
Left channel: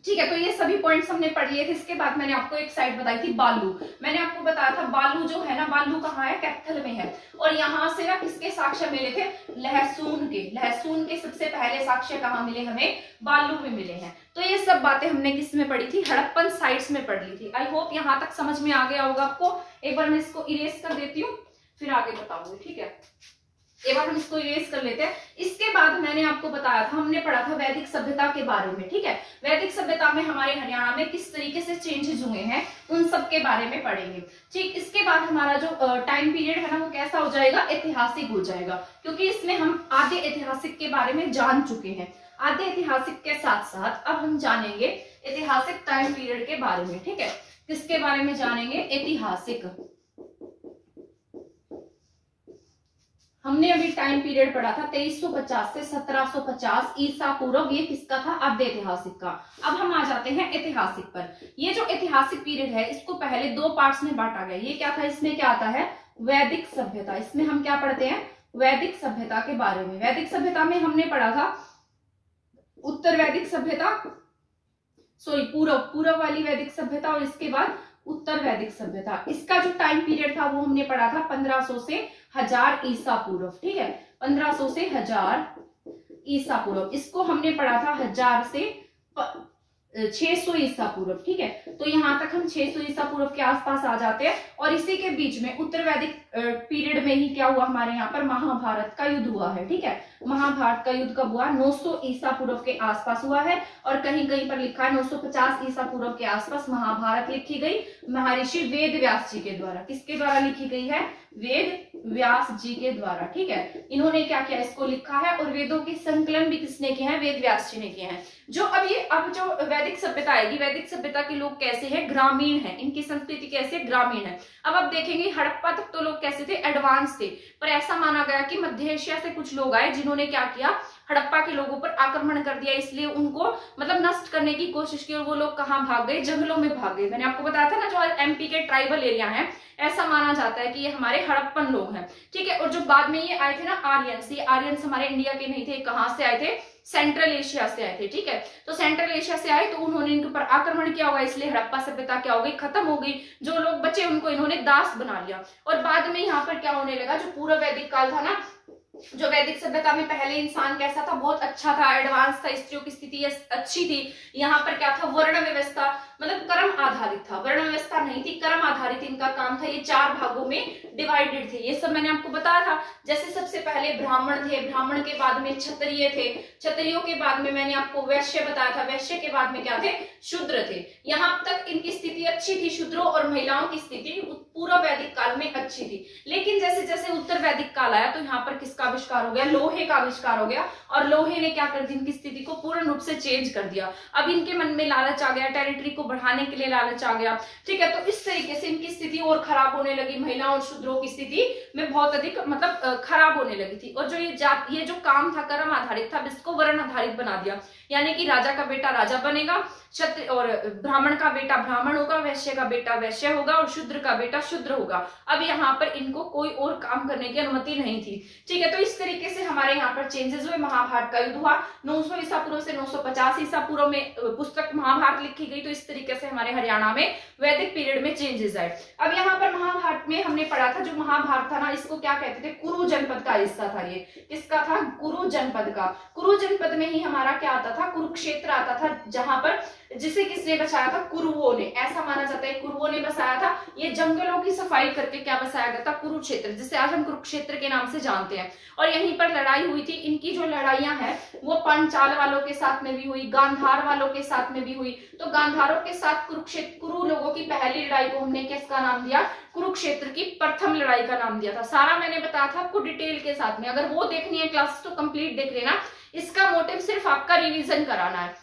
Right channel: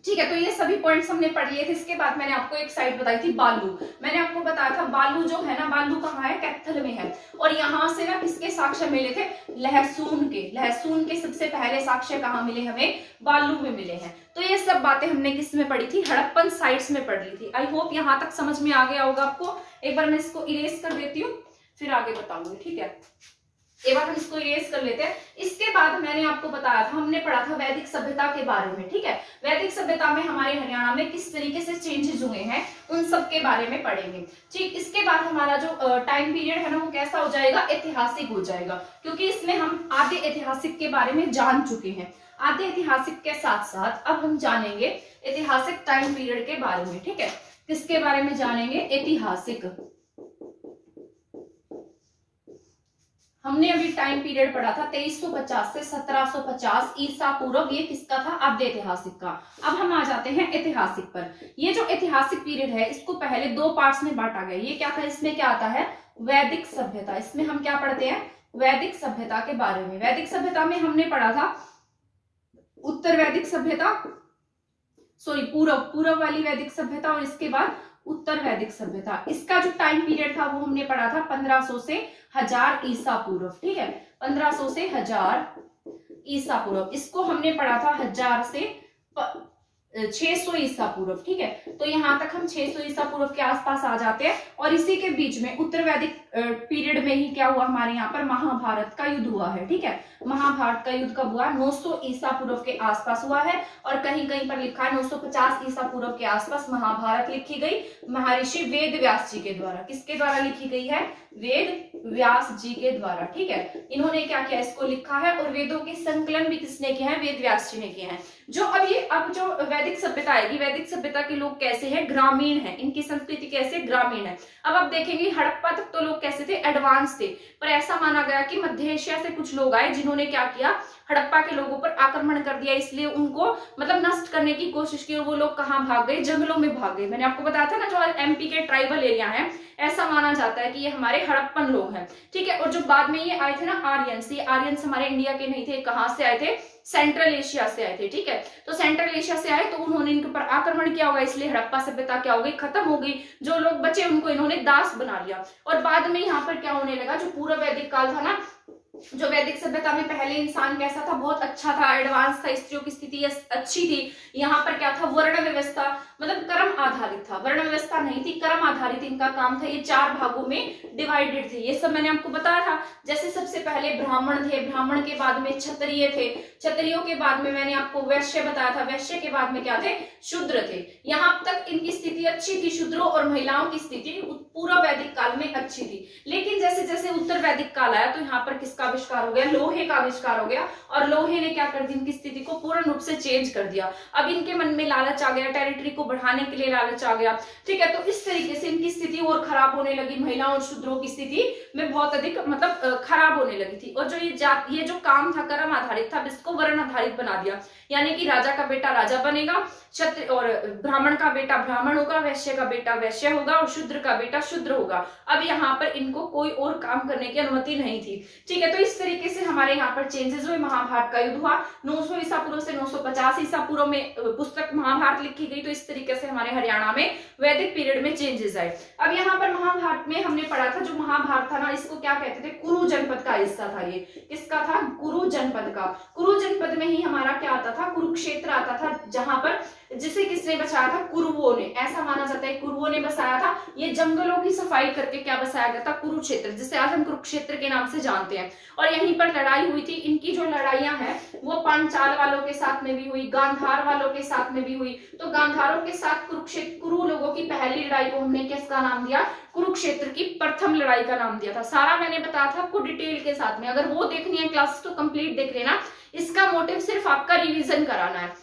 ठीक है, तो ये सभी पॉइंट्स हमने पढ़ लिए थे। इसके बाद मैंने आपको एक साइड बताई थी, बालू। मैंने आपको बताया था बालू जो है ना, बालू कहाँ है, कैथल में है। और यहाँ से ना किसके साक्ष्य मिले थे, लहसुन के। लहसुन के सबसे पहले साक्ष्य कहाँ मिले हमें, बालू में मिले हैं। तो ये सब बातें हमने किस में पढ़ी थी, हड़प्पन साइट्स में पढ़ ली थी। आई होप यहाँ तक समझ में आ गया होगा आपको। एक बार मैं इसको इरेज कर देती हूँ, फिर आगे बताऊंगी। ठीक है, एक बार हम इसको इरेज कर लेते हैं। इसके बाद मैंने आपको बताया था, हमने पढ़ा था वैदिक सभ्यता के बारे में। ठीक है, वैदिक सभ्यता में हमारे हरियाणा में किस तरीके से चेंजेस हुए हैं उन सब के बारे में पढ़ेंगे। ठीक, इसके बाद हमारा जो टाइम पीरियड है ना वो कैसा हो जाएगा, ऐतिहासिक हो जाएगा, क्योंकि इसमें हम आधे ऐतिहासिक के बारे में जान चुके हैं। आधे ऐतिहासिक के साथ साथ अब हम जानेंगे ऐतिहासिक टाइम पीरियड के बारे में। ठीक है, किसके बारे में जानेंगे, ऐतिहासिक। हमने अभी टाइम पीरियड पढ़ा था 2350 से 1750 ईसा पूर्व, ये किसका था, आद्य ऐतिहासिक का। अब हम आ जाते हैं ऐतिहासिक पर। ये जो ऐतिहासिक पीरियड है इसको पहले दो पार्ट्स में बांटा गया। ये क्या था, इसमें क्या आता है, वैदिक सभ्यता। इसमें हम क्या पढ़ते हैं, वैदिक सभ्यता के बारे में। वैदिक सभ्यता में हमने पढ़ा था उत्तर वैदिक सभ्यता, सॉरी पूर्व वाली वैदिक सभ्यता, और इसके बाद उत्तर वैदिक सभ्यता। इसका जो टाइम पीरियड था वो हमने पढ़ा था 1500 से 1000 ईसा पूर्व। ठीक है, 1500 से 1000 ईसा पूर्व। इसको हमने पढ़ा था 1000 से 600 ईसा पूर्व। ठीक है, तो यहाँ तक हम 600 ईसा पूर्व के आसपास आ जाते हैं। और इसी के बीच में उत्तर वैदिक पीरियड में ही क्या हुआ, हमारे यहाँ पर महाभारत का युद्ध हुआ है। ठीक है, महाभारत का युद्ध कब हुआ, 900 ईसा पूर्व के आसपास हुआ है। और कहीं कहीं पर लिखा है 950 ईसा पूर्व के आसपास महाभारत लिखी गई महर्षि वेद व्यास जी के द्वारा। किसके द्वारा लिखी गई है, वेद व्यास जी के द्वारा। ठीक है, इन्होंने क्या किया, इसको लिखा है। और वेदों के संकलन भी किसने किए हैं, वेद व्यास जी ने किए हैं। जो अब जो वैदिक सभ्यता आएगी, वैदिक सभ्यता के लोग कैसे हैं, ग्रामीण हैं। इनकी संस्कृति कैसे, ग्रामीण है। अब आप देखेंगे हड़प्पा तक तो लोग कैसे थे, एडवांस थे। पर ऐसा माना गया कि मध्य एशिया से कुछ लोग आए जिन्होंने क्या किया, हड़प्पा के लोगों पर आक्रमण कर दिया, इसलिए उनको मतलब नष्ट करने की कोशिश की। और वो लोग कहाँ भाग गए, जंगलों में भाग गए। मैंने आपको बताया था ना, जो एमपी के ट्राइबल एरिया है, ऐसा माना जाता है कि ये हमारे हड़प्पन लोग हैं। ठीक है, और जो बाद में ये आए थे ना आर्यंस, ये आर्यंस हमारे इंडिया के नहीं थे। कहाँ से आए थे, सेंट्रल एशिया से आए थे। ठीक है, तो सेंट्रल एशिया से आए तो उन्होंने इनके ऊपर आक्रमण किया होगा, इसलिए हड़प्पा सभ्यता क्या हो गई, खत्म हो गई। जो लोग बचे उनको इन्होंने दास बना लिया। और बाद में यहाँ पर क्या होने लगा, जो पूरा वैदिक काल था ना, जो वैदिक सभ्यता में पहले इंसान कैसा था, बहुत अच्छा था, एडवांस था, स्त्रियों की स्थिति अच्छी थी। यहाँ पर क्या था, वर्ण व्यवस्था, मतलब कर्म आधारित था, वर्ण व्यवस्था नहीं थी, कर्म आधारित इनका काम था। ये 4 भागों में डिवाइडेड थे। ये सब मैंने आपको बताया था। जैसे सबसे पहले ब्राह्मण थे, ब्राह्मण के बाद में क्षत्रिय थे, क्षत्रियों के बाद में मैंने आपको वैश्य बताया था, वैश्य के बाद में क्या थे, शूद्र थे। यहाँ तक इनकी स्थिति अच्छी थी, शूद्रों और महिलाओं की स्थिति पूर्व वैदिक काल में अच्छी थी। लेकिन जैसे जैसे उत्तर वैदिक काल आया तो यहाँ पर किसका आविष्कार हो गया, लोहे का आविष्कार हो गया। और लोहे ने क्या कर दिया, इनकी स्थिति को पूर्ण रूप से चेंज कर दिया। अब इनके मन में लालच आ गया, टेरिटरी को बढ़ाने के लिए लालच आ गया। ठीक है, तो इस तरीके से इनकी स्थिति और खराब होने लगी। महिलाओं और शूद्रों की स्थिति में बहुत अधिक मतलब खराब होने लगी थी। और जो ये जो काम था कर्म आधारित था, इसको वर्ण आधारित बना दिया। यानी कि राजा का बेटा राजा बनेगा, क्षत्रिय और ब्राह्मण का बेटा ब्राह्मण होगा, वैश्य का बेटा वैश्य होगा और शूद्र का बेटा शूद्र होगा। अब यहाँ पर इनको कोई और काम करने की अनुमति नहीं थी। ठीक है, तो इस तरीके से हमारे यहाँ पर चेंजेस हुए। महाभारत का युद्ध हुआ 900 ईसा पूर्व से 950 ईसा पूर्व में पुस्तक महाभारत लिखी गई। तो इस तरीके से हमारे हरियाणा में वैदिक पीरियड में चेंजेस आए। अब यहाँ पर महाभारत में हमने पढ़ा था, जो महाभारत था ना, इसको क्या कहते थे, कुरु जनपद का हिस्सा था। ये किसका था, कुरु जनपद का। कुरु जनपद में ही हमारा क्या आता था, कुरुक्षेत्र आता था, जहां पर जिसे किसने बसाया था, कुरुओं ने। ऐसा माना जाता है कुरुओं ने बसाया था। ये जंगलों की सफाई करके क्या बसाया गया था, कुरुक्षेत्र, जिसे आज हम कुरुक्षेत्र के नाम से जानते हैं। और यहीं पर लड़ाई हुई थी। इनकी जो लड़ाइयां हैं वो पांचाल वालों के साथ में भी हुई, गांधार वालों के साथ में भी हुई। तो गांधारों के साथ कुरुक्षेत्र, कुरु लोगों की पहली लड़ाई को हमने किसका नाम दिया, कुरुक्षेत्र की प्रथम लड़ाई का नाम दिया था। सारा मैंने बताया था आपको डिटेल के साथ में। अगर वो देखनी है क्लास तो कंप्लीट देख लेना। इसका मोटिव सिर्फ आपका रिवीजन कराना है।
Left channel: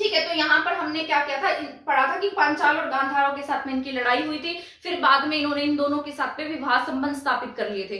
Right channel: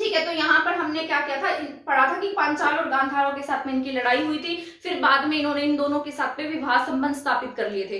ठीक है। तो यहाँ पर हमने क्या किया था, पढ़ा था कि पांचाल और गांधारों के साथ में इनकी लड़ाई हुई थी, फिर बाद में इन्होंने इन दोनों के साथ में विवाह संबंध स्थापित कर लिए थे।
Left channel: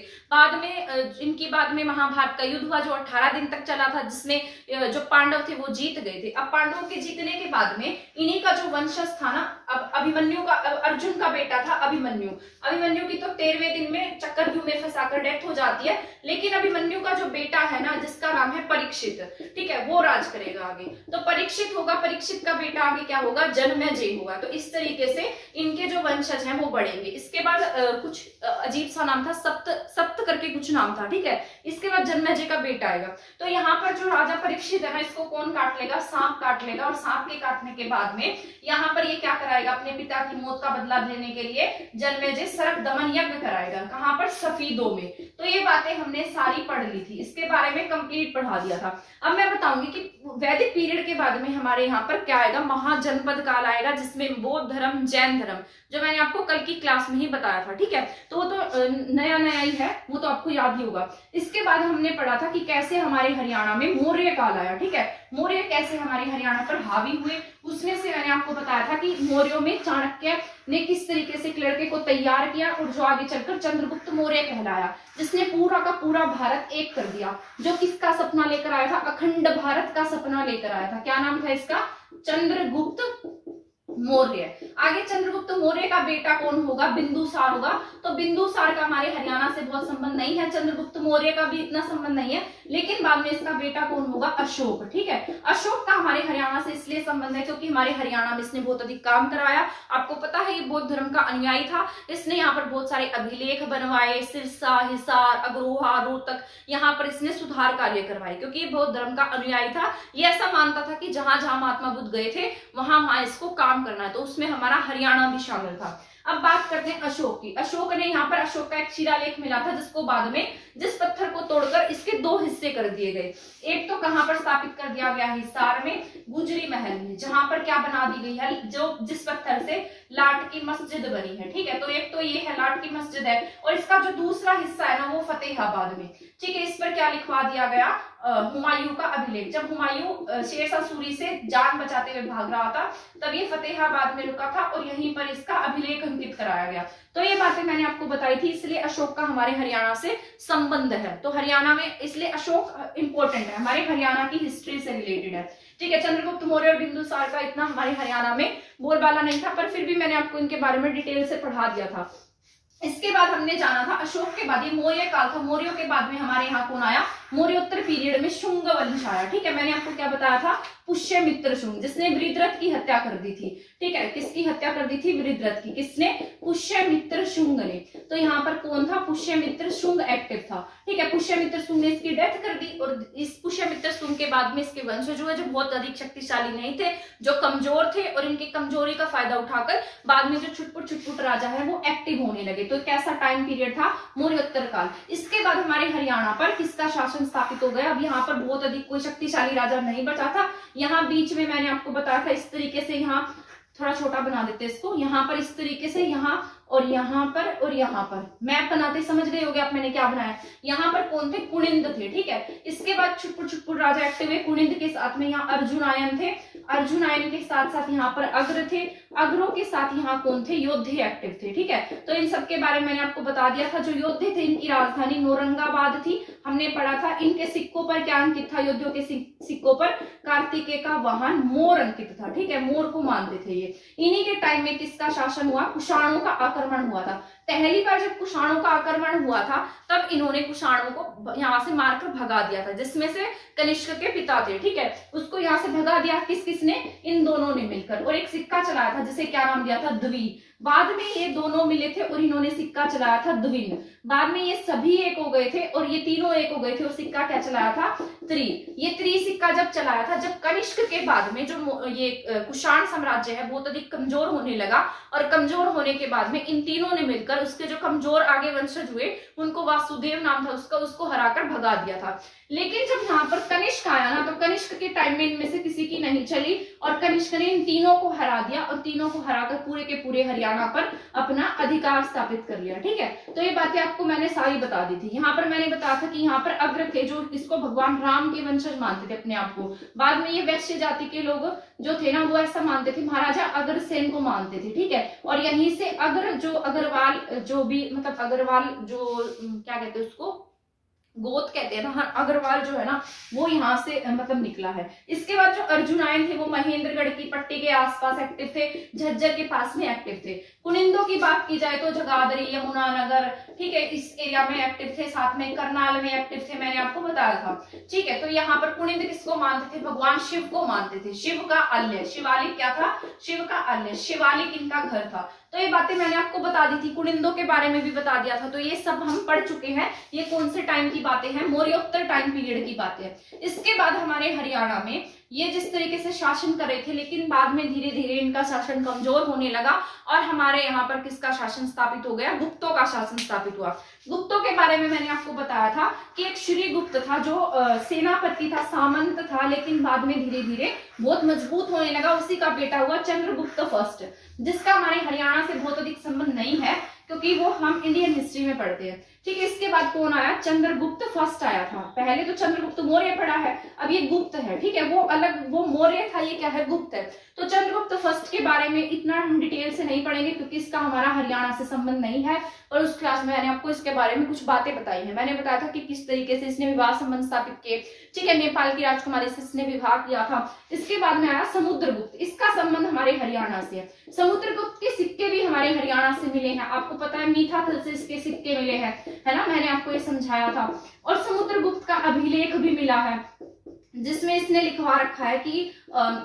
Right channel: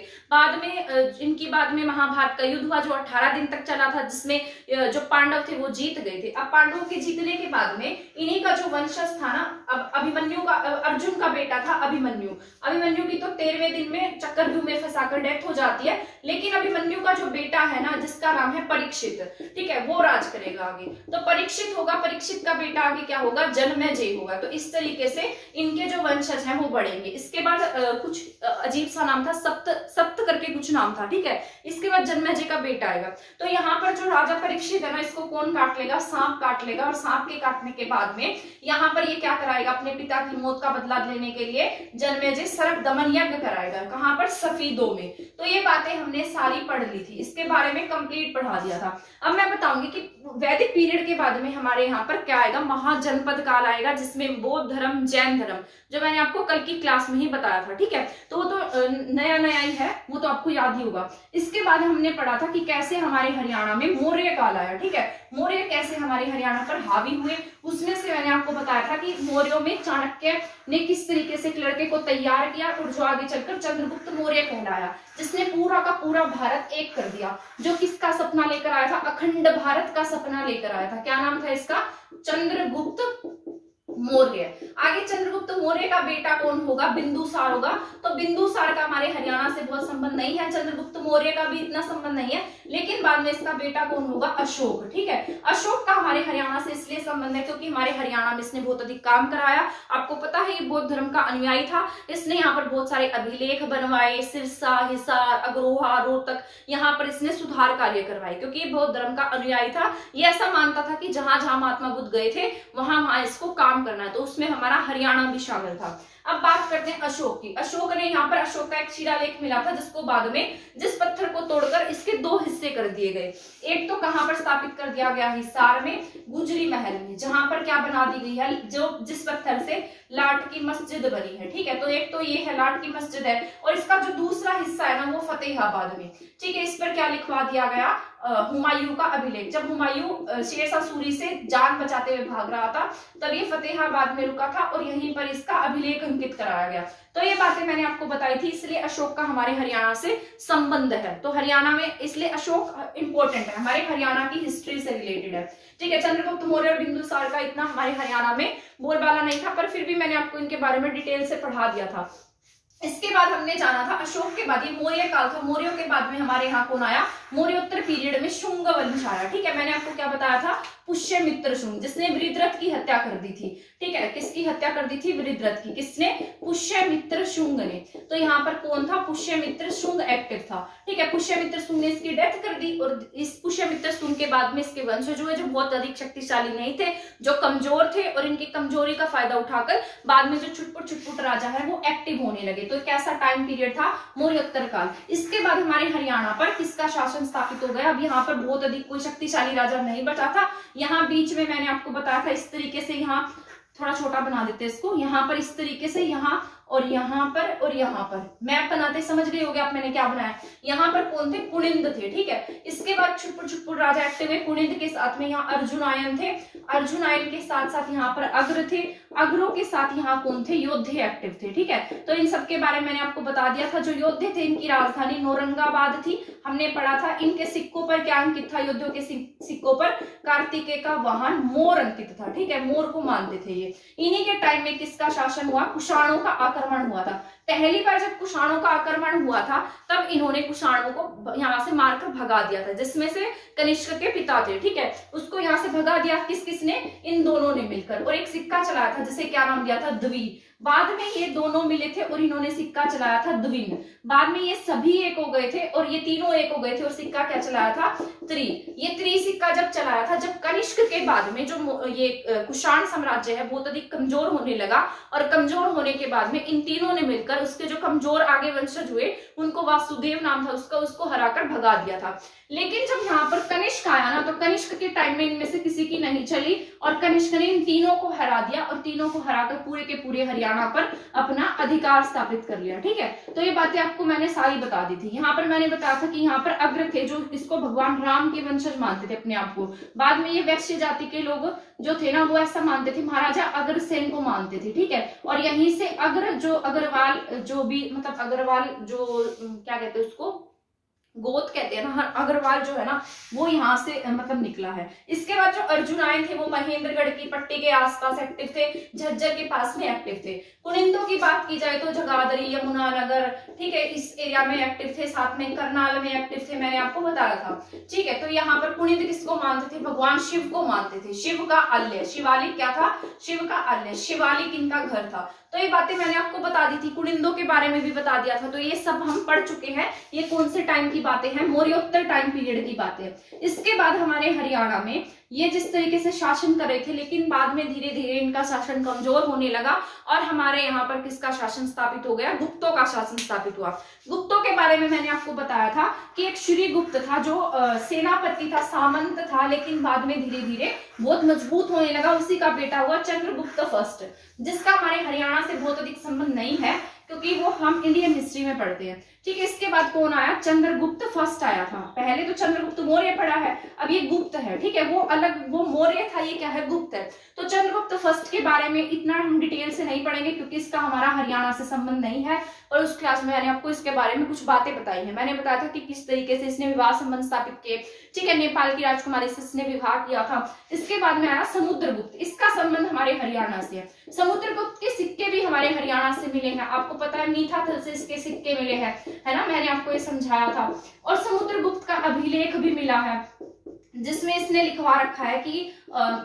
बाद में महाभारत का युद्ध हुआ जो 18 दिन तक चला था, जिसमें जो पांडव थे वो जीत गए थे। अब पांडवों के जीतने के बाद में इन्हीं का जो वंशज था ना, अब अभिमन्यु का, अर्जुन का बेटा था अभिमन्यु की तो 13वें दिन में चक्रव्यूह में फंसाकर डेथ हो जाती है, लेकिन अभिमन्यु का जो बेटा है ना, जिसका नाम है परीक्षित, ठीक है, वो राज करेगा आगे। तो परीक्षित होगा, परीक्षित का बेटा आगे क्या होगा, जन्मेजय होगा। तो इस तरीके से इनके जो वंशज हैं वो बढ़ेंगे। इसके बाद कुछ अजीब सा नाम था, सप्त करके कुछ नाम था, ठीक है। इसके बाद जन्मेजय का बेटा आएगा। तो यहाँ पर जो राजा परीक्षित है ना, इसको कौन काट लेगा, सांप काट लेगा, और सांप के काटने के बाद में यहाँ पर ये क्या कराएगा, अपने पिता की मौत का बदला लेने के लिए जन्मेजय सरक दमन यज्ञ कराएगा। कहाँ पर, सफीदों में। तो ये बातें हमने सारी पढ़ ली थी, इसके बारे में कंप्लीट पढ़ा दिया था। अब मैं बताऊंगी कि वैदिक पीरियड के बाद में हमारे यहाँ पर क्या आएगा, महाजनपद काल आएगा, जिसमें बौद्ध धर्म, जैन धर्म, जो मैंने आपको कल की क्लास में ही बताया था, ठीक है। तो वो तो नया ही है, वो तो आपको याद ही होगा। इसके बाद हमने पढ़ा था कि कैसे हमारे हरियाणा में मौर्य काल आया, ठीक है। मौर्य कैसे हमारे हरियाणा पर हावी हुए, उसमें से मैंने आपको बताया था कि मौर्यों में चाणक्य ने किस तरीके से एक लड़के को तैयार किया और जो आगे चलकर चंद्रगुप्त मौर्य कहलाया, जिसने पूरा का पूरा भारत एक कर दिया। जो किसका सपना लेकर आया था, अखंड भारत का सपना लेकर आया था। क्या नाम था इसका, चंद्रगुप्त मौर्य। आगे चंद्रगुप्त मौर्य का बेटा कौन होगा, बिंदुसार होगा। तो बिंदुसार का हमारे हरियाणा से बहुत संबंध नहीं है, चंद्रगुप्त मौर्य का भी इतना संबंध नहीं है, लेकिन बाद में इसका बेटा कौन होगा, अशोक, ठीक है। अशोक का हमारे हरियाणा से इसलिए संबंध है क्योंकि हमारे हरियाणा में इसने बहुत अधिक काम कराया। आपको पता है ये बौद्ध धर्म का अनुयायी था, इसने यहाँ पर बहुत सारे अभिलेख बनवाए, सिरसा, हिसार, अग्रोहा, रोहतक, यहाँ पर इसने सुधार कार्य करवाए, क्योंकि ये बौद्ध धर्म का अनुयायी था। ये ऐसा मानता था कि जहां जहां महात्मा बुद्ध गए थे वहां इसको काम करना है, तो उसमें हमारा हरियाणा भी शामिल था। अब बात करते हैं अशोक की। अशोक ने यहाँ पर, अशोक का एक शिलालेख मिला था, जिसको बाद में, जिस पत्थर को तोड़कर इसके 2 हिस्से कर दिए गए। एक तो कहां पर स्थापित कर दिया गया, हिसार में, गुजरी महल में, जहां पर क्या बना दी गई है, जो जिस पत्थर से लाट की मस्जिद बनी है, ठीक है। तो एक तो ये है, लाट की मस्जिद है, और इसका जो दूसरा हिस्सा है ना, वो फतेहाबाद में, ठीक है। इस पर क्या लिखवा दिया गया, हुमायूं का अभिलेख। जब हुमायूं शेरशाह सूरी से जान बचाते हुए भाग रहा था, तब ये फतेहाबाद में रुका था और यहीं पर इसका अभिलेख अंकित कराया गया। तो ये बातें मैंने आपको बताई थी, इसलिए अशोक का हमारे हरियाणा से संबंध है। तो हरियाणा में इसलिए अशोक इंपॉर्टेंट है, हमारे हरियाणा की हिस्ट्री से रिलेटेड है, ठीक है। चंद्रगुप्त मौर्य और बिंदुसार का इतना हमारे हरियाणा में बोलबाला नहीं था, पर फिर भी मैंने आपको इनके बारे में डिटेल से पढ़ा दिया था। इसके बाद हमने जाना था अशोक के बाद, ये मौर्य काल था, मौर्यों के बाद में हमारे यहाँ कौन आया, मौर्योत्तर पीरियड में शुंग वंश आया, ठीक है। मैंने आपको क्या बताया था, पुष्यमित्र शुंग, जिसने वृत्रथ की हत्या कर दी थी, ठीक है। किसकी हत्या कर दी थी, वृत्रथ की। किसने, पुष्यमित्र शुंग ने। तो यहाँ पर कौन था, पुष्यमित्र शुंग एक्टिव था, ठीक है। पुष्यमित्र शुंग ने इसकी डेथ कर दी, और इस पुष्यमित्र शुंग के बाद में इसके वंशज हुए, जो बहुत अधिक शक्तिशाली नहीं थे, जो कमजोर थे, और इनकी कमजोरी का फायदा उठाकर बाद में जो छुटपुट राजा है वो एक्टिव होने लगे। तो कैसा टाइम पीरियड था, मौर्योत्तर काल। इसके बाद हमारे हरियाणा पर किसका शासन स्थापित हो गया, अब यहाँ पर बहुत अधिक कोई शक्तिशाली राजा नहीं बचा था। यहाँ बीच में मैंने आपको बताया था, इस तरीके से, यहाँ थोड़ा छोटा बना देते हैं इसको, यहाँ पर इस तरीके से, यहाँ और यहाँ पर और यहाँ पर मैप बनाते समझ गए होगे आप मैंने क्या बनाया। यहाँ पर कौन थे, कुनिंद थे, ठीक है। इसके बाद छुटपुट राजा एक्टिव हुए, कुनिंद के साथ में यहाँ अर्जुनायन थे, अर्जुनायन के साथ साथ यहाँ पर अग्र थे, अग्रों के साथ यहाँ कौन थे, योद्धे एक्टिव थे, ठीक है। तो इन सब के बारे में मैंने आपको बता दिया था। जो योद्धे थे इनकी राजधानी नौरंगाबाद थी, हमने पढ़ा था। इनके सिक्कों पर क्या अंकित था, योद्धियों के सिक्कों पर कार्तिकेय का वाहन मोर अंकित था, ठीक है। मोर को मानते थे ये। इन्हीं के टाइम में किसका शासन हुआ, कुषाणों का आक्रमण हुआ था। पहली बार जब कुषाणों का आक्रमण हुआ था, तब इन्होंने कुषाणों को यहाँ से मारकर भगा दिया था, जिसमें से कनिष्क के पिता थे, ठीक है। उसको यहाँ से भगा दिया किसने, इन दोनों ने मिलकर, और एक सिक्का चलाया था जिसे क्या नाम दिया था, द्वि। बाद में ये दोनों मिले थे और इन्होंने सिक्का चलाया था द्विम। बाद में ये सभी एक हो गए थे और ये तीनों एक हो गए थे, और सिक्का क्या चलाया था, त्रि। ये त्रि सिक्का जब चलाया था, जब कनिष्क के बाद में जो ये कुषाण साम्राज्य है बहुत अधिक कमजोर होने लगा, और कमजोर होने के बाद में इन तीनों ने मिलकर उसके जो कमजोर आगे वंशज हुए, उनको वासुदेव नाम था उसका, उसको हराकर भगा दिया था। लेकिन जब यहाँ पर कनिष्क आया ना, तो कनिष्क के टाइम में इनमें से किसी की नहीं चली और कनिष्क ने इन तीनों को हरा दिया और तीनों को हराकर पूरे के पूरे हरियाणा पर अपना अधिकार स्थापित कर लिया। ठीक है, तो ये बातें आपको मैंने सारी बता दी थी। यहाँ पर मैंने बताया था कि यहाँ पर अग्र थे जो इसको भगवान राम के वंशज मानते थे अपने आप को। बाद में ये वैश्य जाति के लोग जो थे ना वो ऐसा मानते थे, महाराजा अग्रसेन को मानते थे। ठीक है, और यहीं से अग्र जो अग्रवाल जो भी मतलब अग्रवाल जो क्या कहते हैं उसको गोत कहते हैं ना, अग्रवाल जो है ना वो यहाँ से मतलब निकला है। इसके बाद जो अर्जुन आए थे वो महेंद्रगढ़ की पट्टी के आसपास एक्टिव थे, झज्जर के पास में एक्टिव थे। कुनिंदों की बात की जाए तो जगाधरी, यमुनानगर, ठीक है, इस एरिया में एक्टिव थे, साथ में करनाल में एक्टिव थे, मैंने आपको बताया था। ठीक है, तो यहाँ पर कुनिंद किसको मानते थे? भगवान शिव को मानते थे। शिव का आल्य, शिवालिक क्या था? शिव का आल्य, शिवालिक इनका घर था। तो ये बातें मैंने आपको बता दी थी, कुनिंदों के बारे में भी बता दिया था। तो ये सब हम पढ़ चुके हैं। ये कौन से टाइम की बातें हैं? मौर्योत्तर टाइम पीरियड की बातें। इसके बाद हमारे हरियाणा में ये जिस तरीके से शासन कर रहे थे, लेकिन बाद में धीरे धीरे इनका शासन कमजोर होने लगा और हमारे यहाँ पर किसका शासन स्थापित हो गया? गुप्तों का शासन स्थापित हुआ। गुप्तों के बारे में मैंने आपको बताया था कि एक श्री गुप्त था जो सेनापति था, सामंत था, लेकिन बाद में धीरे धीरे बहुत मजबूत होने लगा। उसी का बेटा हुआ चंद्रगुप्त फर्स्ट, जिसका हमारे हरियाणा से बहुत अधिक संबंध नहीं है क्योंकि वो हम इंडियन हिस्ट्री में पढ़ते हैं। ठीक है, इसके बाद कौन आया? चंद्रगुप्त फर्स्ट आया था। पहले तो चंद्रगुप्त मौर्य पढ़ा है, अब ये गुप्त है। ठीक है, वो अलग, वो मौर्य था, ये क्या है? गुप्त है। तो चंद्रगुप्त फर्स्ट के बारे में इतना हम डिटेल से नहीं पढ़ेंगे क्योंकि इसका हमारा हरियाणा से संबंध नहीं है। और उस क्लास में मैंने आपको इसके बारे में कुछ बातें बताई हैं। मैंने बताया था कि किस तरीके से इसने विवाह संबंध स्थापित किए। ठीक है, नेपाल की राजकुमारी से इसने विवाह किया था। इसके बाद में आया समुद्रगुप्त, इसका संबंध हमारे हरियाणा से है। समुद्रगुप्त के सिक्के भी हमारे हरियाणा से मिले हैं। आपको पता है मीठाथल से इसके सिक्के मिले हैं, है ना, मैंने आपको ये समझाया था। और समुद्रगुप्त का अभिलेख भी मिला है जिसमें इसने लिखवा रखा है कि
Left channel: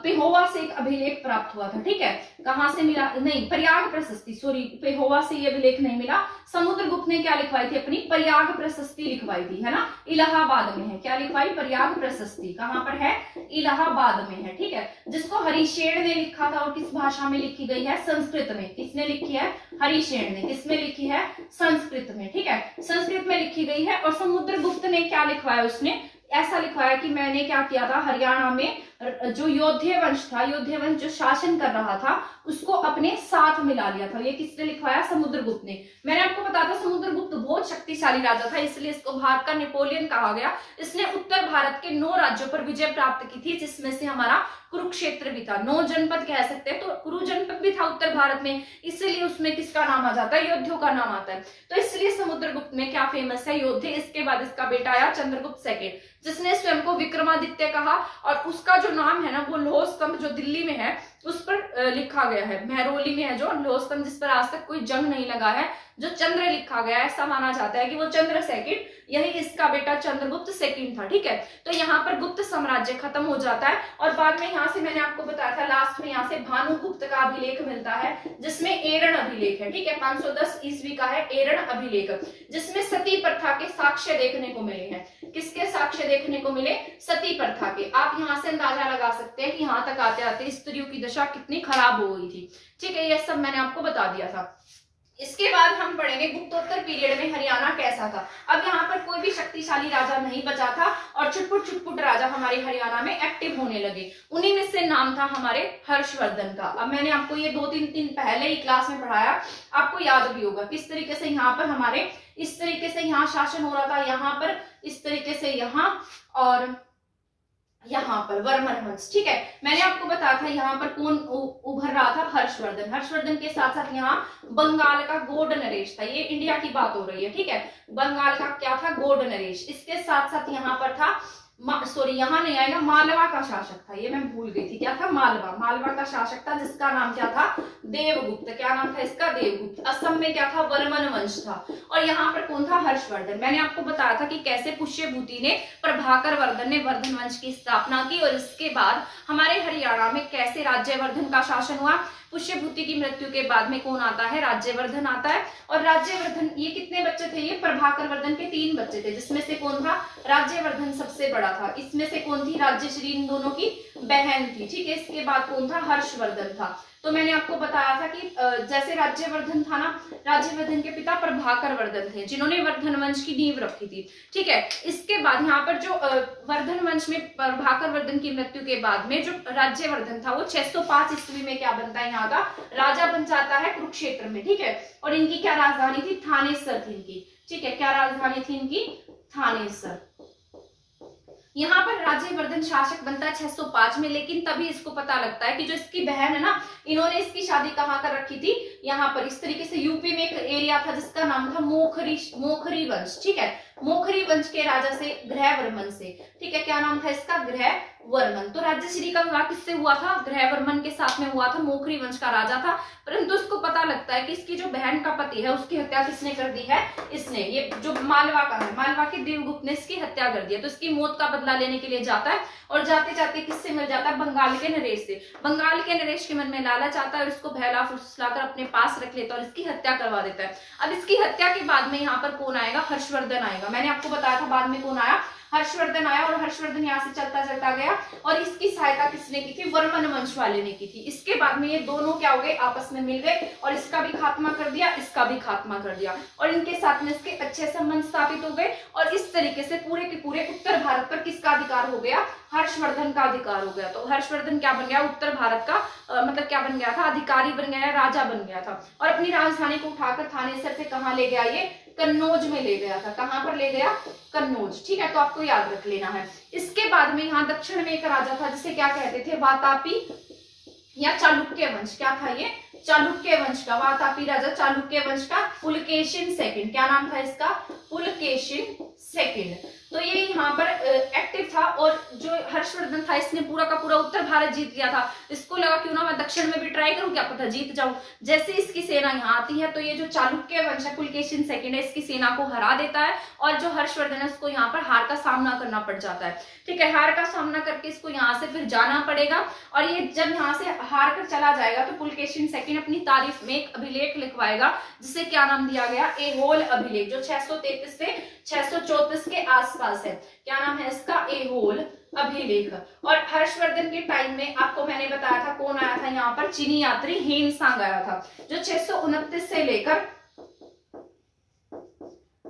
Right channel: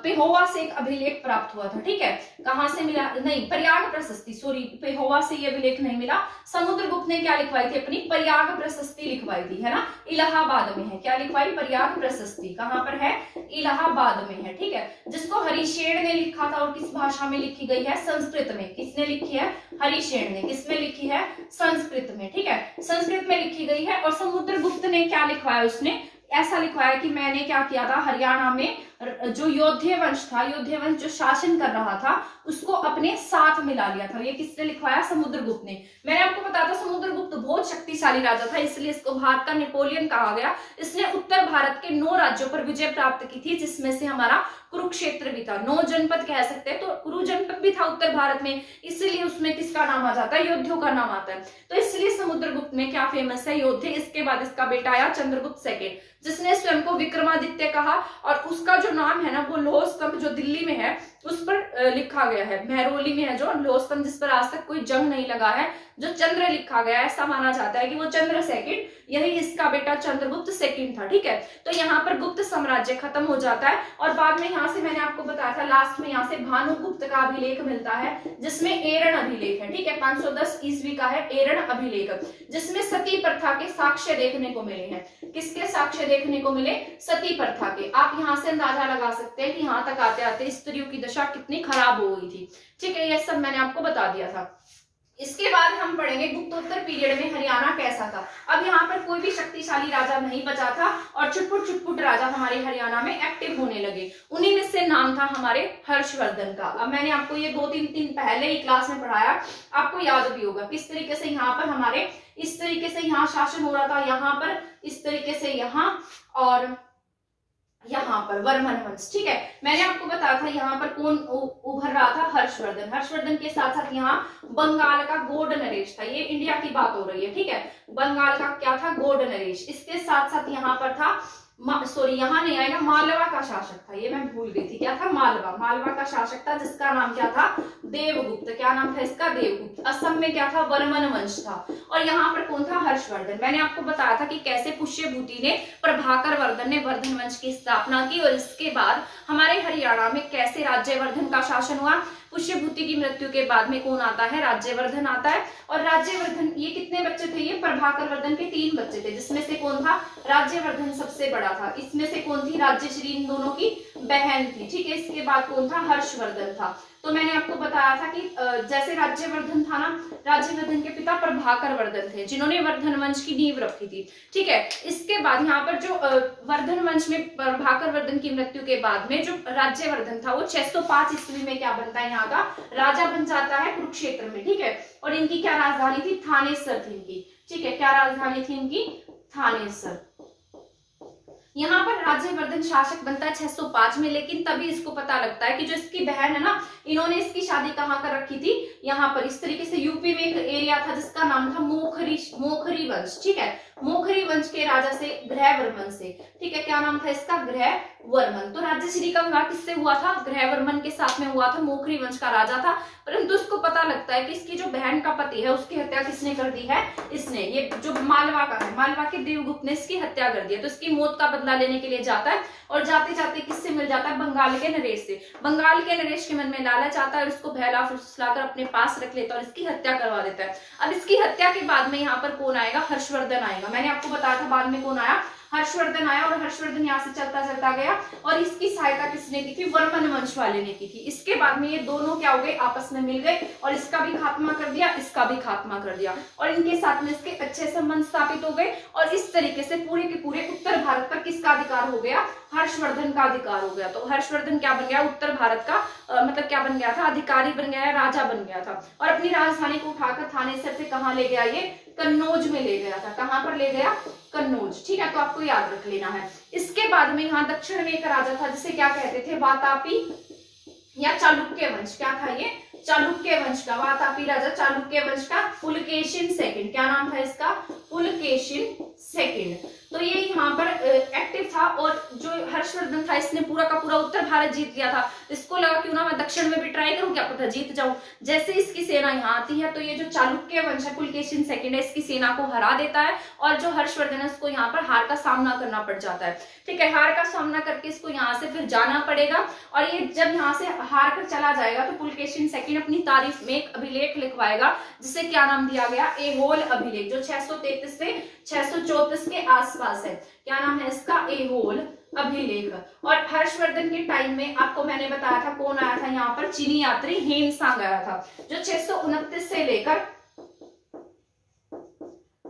पेहोवा से एक अभिलेख प्राप्त हुआ था। ठीक है, कहां से मिला? नहीं, प्रयाग प्रशस्ति, सॉरी, पेहोवा से ये अभिलेख नहीं मिला। समुद्रगुप्त ने क्या लिखवाई थी? अपनी प्रयाग प्रशस्ति लिखवाई थी, है ना, इलाहाबाद में है। क्या लिखवाई? प्रयाग प्रशस्ति। कहां पर है? इलाहाबाद में है। ठीक है, जिसको हरिशेन ने लिखा था और किस भाषा में लिखी गई है? संस्कृत में। किसने लिखी है? हरिशेन ने। किसमें लिखी है? संस्कृत में। ठीक है, संस्कृत में लिखी गई है। और समुद्रगुप्त ने क्या लिखवाया? उसने ऐसा लिखवाया कि मैंने क्या किया था, हरियाणा में जो योध्य वंश था, योध्य वंश जो शासन कर रहा था उसको अपने साथ मिला लिया था। ये किसने लिखवाया? समुद्रगुप्त ने। मैंने आपको बताया था समुद्रगुप्त बहुत शक्तिशाली राजा था, इसलिए इसको भारत का नेपोलियन कहा गया। इसने उत्तर भारत के 9 राज्यों पर विजय प्राप्त की थी, जिसमें से हमारा कुरुक्षेत्र भी था। 9 जनपद कह सकते हैं, तो कुरु जनपद भी था उत्तर भारत में, इसलिए उसमें किसका नाम आ जाता है? योद्धियों का नाम आता है। तो इसलिए समुद्रगुप्त में क्या फेमस है? योद्धे। इसके बाद इसका बेटा आया चंद्रगुप्त सेकंड, जिसने स्वयं को विक्रमादित्य कहा। और उसका जो नाम है ना वो लौह स्तंभ जो दिल्ली में है उस पर लिखा गया है। महरौली में है जो लौह स्तंभ, जिस पर आज तक कोई जंग नहीं लगा है, जो चंद्र लिखा गया है। ऐसा माना जाता है कि वो चंद्र सेकंड, यही इसका बेटा चंद्रगुप्त सेकंड था। ठीक है, तो यहाँ पर गुप्त साम्राज्य खत्म हो जाता है। और बाद में यहाँ से मैंने आपको बताया था लास्ट में यहाँ से भानुगुप्त का अभिलेख मिलता है, जिसमें एरण अभिलेख है। ठीक है, 510 ईस्वी का है एरण अभिलेख, जिसमें सती प्रथा के साक्ष्य देखने को मिले हैं। किसके साक्ष्य देखने को मिले? सती प्रथा के। आप यहाँ से अंदाजा लगा सकते हैं कि यहाँ तक आते आते स्त्रियों की दशा कितनी खराब हो गई थी। ठीक है, ये सब मैंने आपको बता दिया था। इसके बाद हम पढ़ेंगे गुप्तोत्तर पीरियड में हरियाणा कैसा था। अब यहाँ पर कोई भी शक्तिशाली राजा नहीं बचा था और छुटपुट राजा हमारे हरियाणा में एक्टिव होने लगे। उन्हीं में से नाम था हमारे हर्षवर्धन का। अब मैंने आपको ये 2-3 दिन पहले ही क्लास में पढ़ाया, आपको याद भी होगा किस तरीके से यहाँ पर हमारे इस तरीके से यहाँ शासन हो रहा था, यहाँ पर इस तरीके से यहाँ और यहाँ पर वर्मन वंश। ठीक है, मैंने आपको बताया था यहाँ पर कौन उभर रहा था? हर्षवर्धन। हर्षवर्धन के साथ साथ यहाँ बंगाल का गौड़ नरेश था। ये इंडिया की बात हो रही है। ठीक है, बंगाल का क्या था? गौड़ नरेश। इसके साथ साथ यहाँ पर था सॉरी यहाँ नहीं आएगा, मालवा का शासक था। ये मैं भूल गई थी, क्या था? मालवा का शासक था, जिसका नाम क्या था? देवगुप्त। क्या नाम था इसका? देवगुप्त। असम में क्या था? वर्मन वंश था। और यहाँ पर कौन था? हर्षवर्धन। मैंने आपको बताया था कि कैसे पुष्यभूति ने, प्रभाकर वर्धन ने वर्धन वंश की स्थापना की। और इसके बाद हमारे हरियाणा में कैसे राज्यवर्धन का शासन हुआ। पुष्यभूति की मृत्यु के बाद में कौन आता है? राज्यवर्धन आता है। और राज्यवर्धन, ये कितने बच्चे थे? ये प्रभाकर वर्धन के 3 बच्चे थे, जिसमें से कौन था? राज्यवर्धन सबसे बड़ा था। इसमें से कौन थी? राज्यश्री इन दोनों की बहन थी, ठीक है। इसके बाद कौन था, हर्षवर्धन था। तो मैंने आपको बताया था कि जैसे राज्यवर्धन था ना, राज्यवर्धन के पिता प्रभाकर वर्धन थे, जिन्होंने वर्धन वंश की नींव रखी थी, ठीक है। इसके बाद यहाँ पर जो वर्धन वंश में प्रभाकर वर्धन की मृत्यु के बाद में जो राज्यवर्धन था वो 605 ईस्वी में क्या बनता है, यहाँ का राजा बन जाता है कुरुक्षेत्र में, ठीक है। और इनकी क्या राजधानी थी, थानेसर थी इनकी, ठीक है। क्या राजधानी थी इनकी, थानेसर। यहाँ पर राज्यवर्धन शासक बनता है 605 में, लेकिन तभी इसको पता लगता है कि जो इसकी बहन है ना, इन्होंने इसकी शादी कहाँ कर रखी थी, यहाँ पर इस तरीके से यूपी में एक एरिया था जिसका नाम था मोखरी वंश, ठीक है। मोखरी वंश के राजा से, ग्रहवर्मन से, ठीक है। क्या नाम था इसका, ग्रहवर्मन। तो राज्यश्री का विवाह किससे हुआ था, ग्रहवर्मन के साथ में हुआ था, मोखरी वंश का राजा था। परंतु उसको पता लगता है कि इसकी जो बहन का पति है उसकी हत्या किसने कर दी है, इसने, ये जो मालवा का है, मालवा के देवगुप्त ने इसकी हत्या कर दी है। तो इसकी मौत का बदला लेने के लिए जाता है और जाते जाते किससे मिल जाता है, बंगाल के नरेश से। बंगाल के नरेश के मन में लालच आता है और इसको बहला फुसलाकर अपने पास रख लेता है और इसकी हत्या करवा देता है। अब इसकी हत्या के बाद में यहाँ पर कौन आएगा, हर्षवर्धन आएगा। मैंने आपको बताया था बाद में कौन आया, हर्षवर्धन आया। और हर्षवर्धन यहाँ से चलता चलता गया और इसकी सहायता किसने की थी, वर्मन वंश वाले ने की थी। इसके बाद में ये दोनों क्या हो गए, आपस में मिल गए और इसका भी खात्मा कर दिया, इसका भी खात्मा कर दिया और इनके साथ में इसके अच्छे संबंध स्थापित हो गए। और इस तरीके से पूरे के पूरे उत्तर भारत पर किसका अधिकार हो गया, हर्षवर्धन का अधिकार हो गया। तो हर्षवर्धन क्या बन गया, उत्तर भारत का मतलब क्या बन गया था, अधिकारी बन गया, राजा बन गया था। और अपनी राजधानी को उठाकर थानेसर से कहाँ ले गया, ये कन्नौज में ले गया था। कहां पर ले गया, कन्नौज, ठीक है। तो आपको याद रख लेना है। इसके बाद में यहाँ दक्षिण में एक राजा था जिसे क्या कहते थे, वातापी या चालुक्य वंश। क्या था ये, चालुक्य वंश का, वातापी राजा चालुक्य वंश का पुलकेशिन सेकंड। क्या नाम था इसका, पुलकेशिन सेकंड। तो ये यहाँ पर एक्टिव था और जो हर्षवर्धन था इसने पूरा का पूरा उत्तर भारत जीत लिया था। इसको लगा क्यों ना मैं दक्षिण में भी ट्राई करूं, क्या पता जीत जाऊं। जैसे इसकी सेना यहाँ आती है तो ये जो चालुक्य वंश है, पुलकेशिन सेकंड है, इसकी सेना को हरा देता है और जो हर्षवर्धन है उसको यहाँ पर हार का सामना करना पड़ जाता है, ठीक है। हार का सामना करके इसको यहाँ से फिर जाना पड़ेगा और ये जब यहाँ से हार कर चला जाएगा तो पुलकेशिन सेकंड अपनी तारीफ में एक अभिलेख लिखवाएगा जिसे क्या नाम दिया गया, एहोल अभिलेख, जो 633 से 634 के आसपास है। क्या नाम है इसका, एहोल अभिलेख। और हर्षवर्धन के टाइम में आपको मैंने बताया था कौन आया था यहाँ पर, चीनी यात्री हेनसांग आया था, जो 629 से लेकर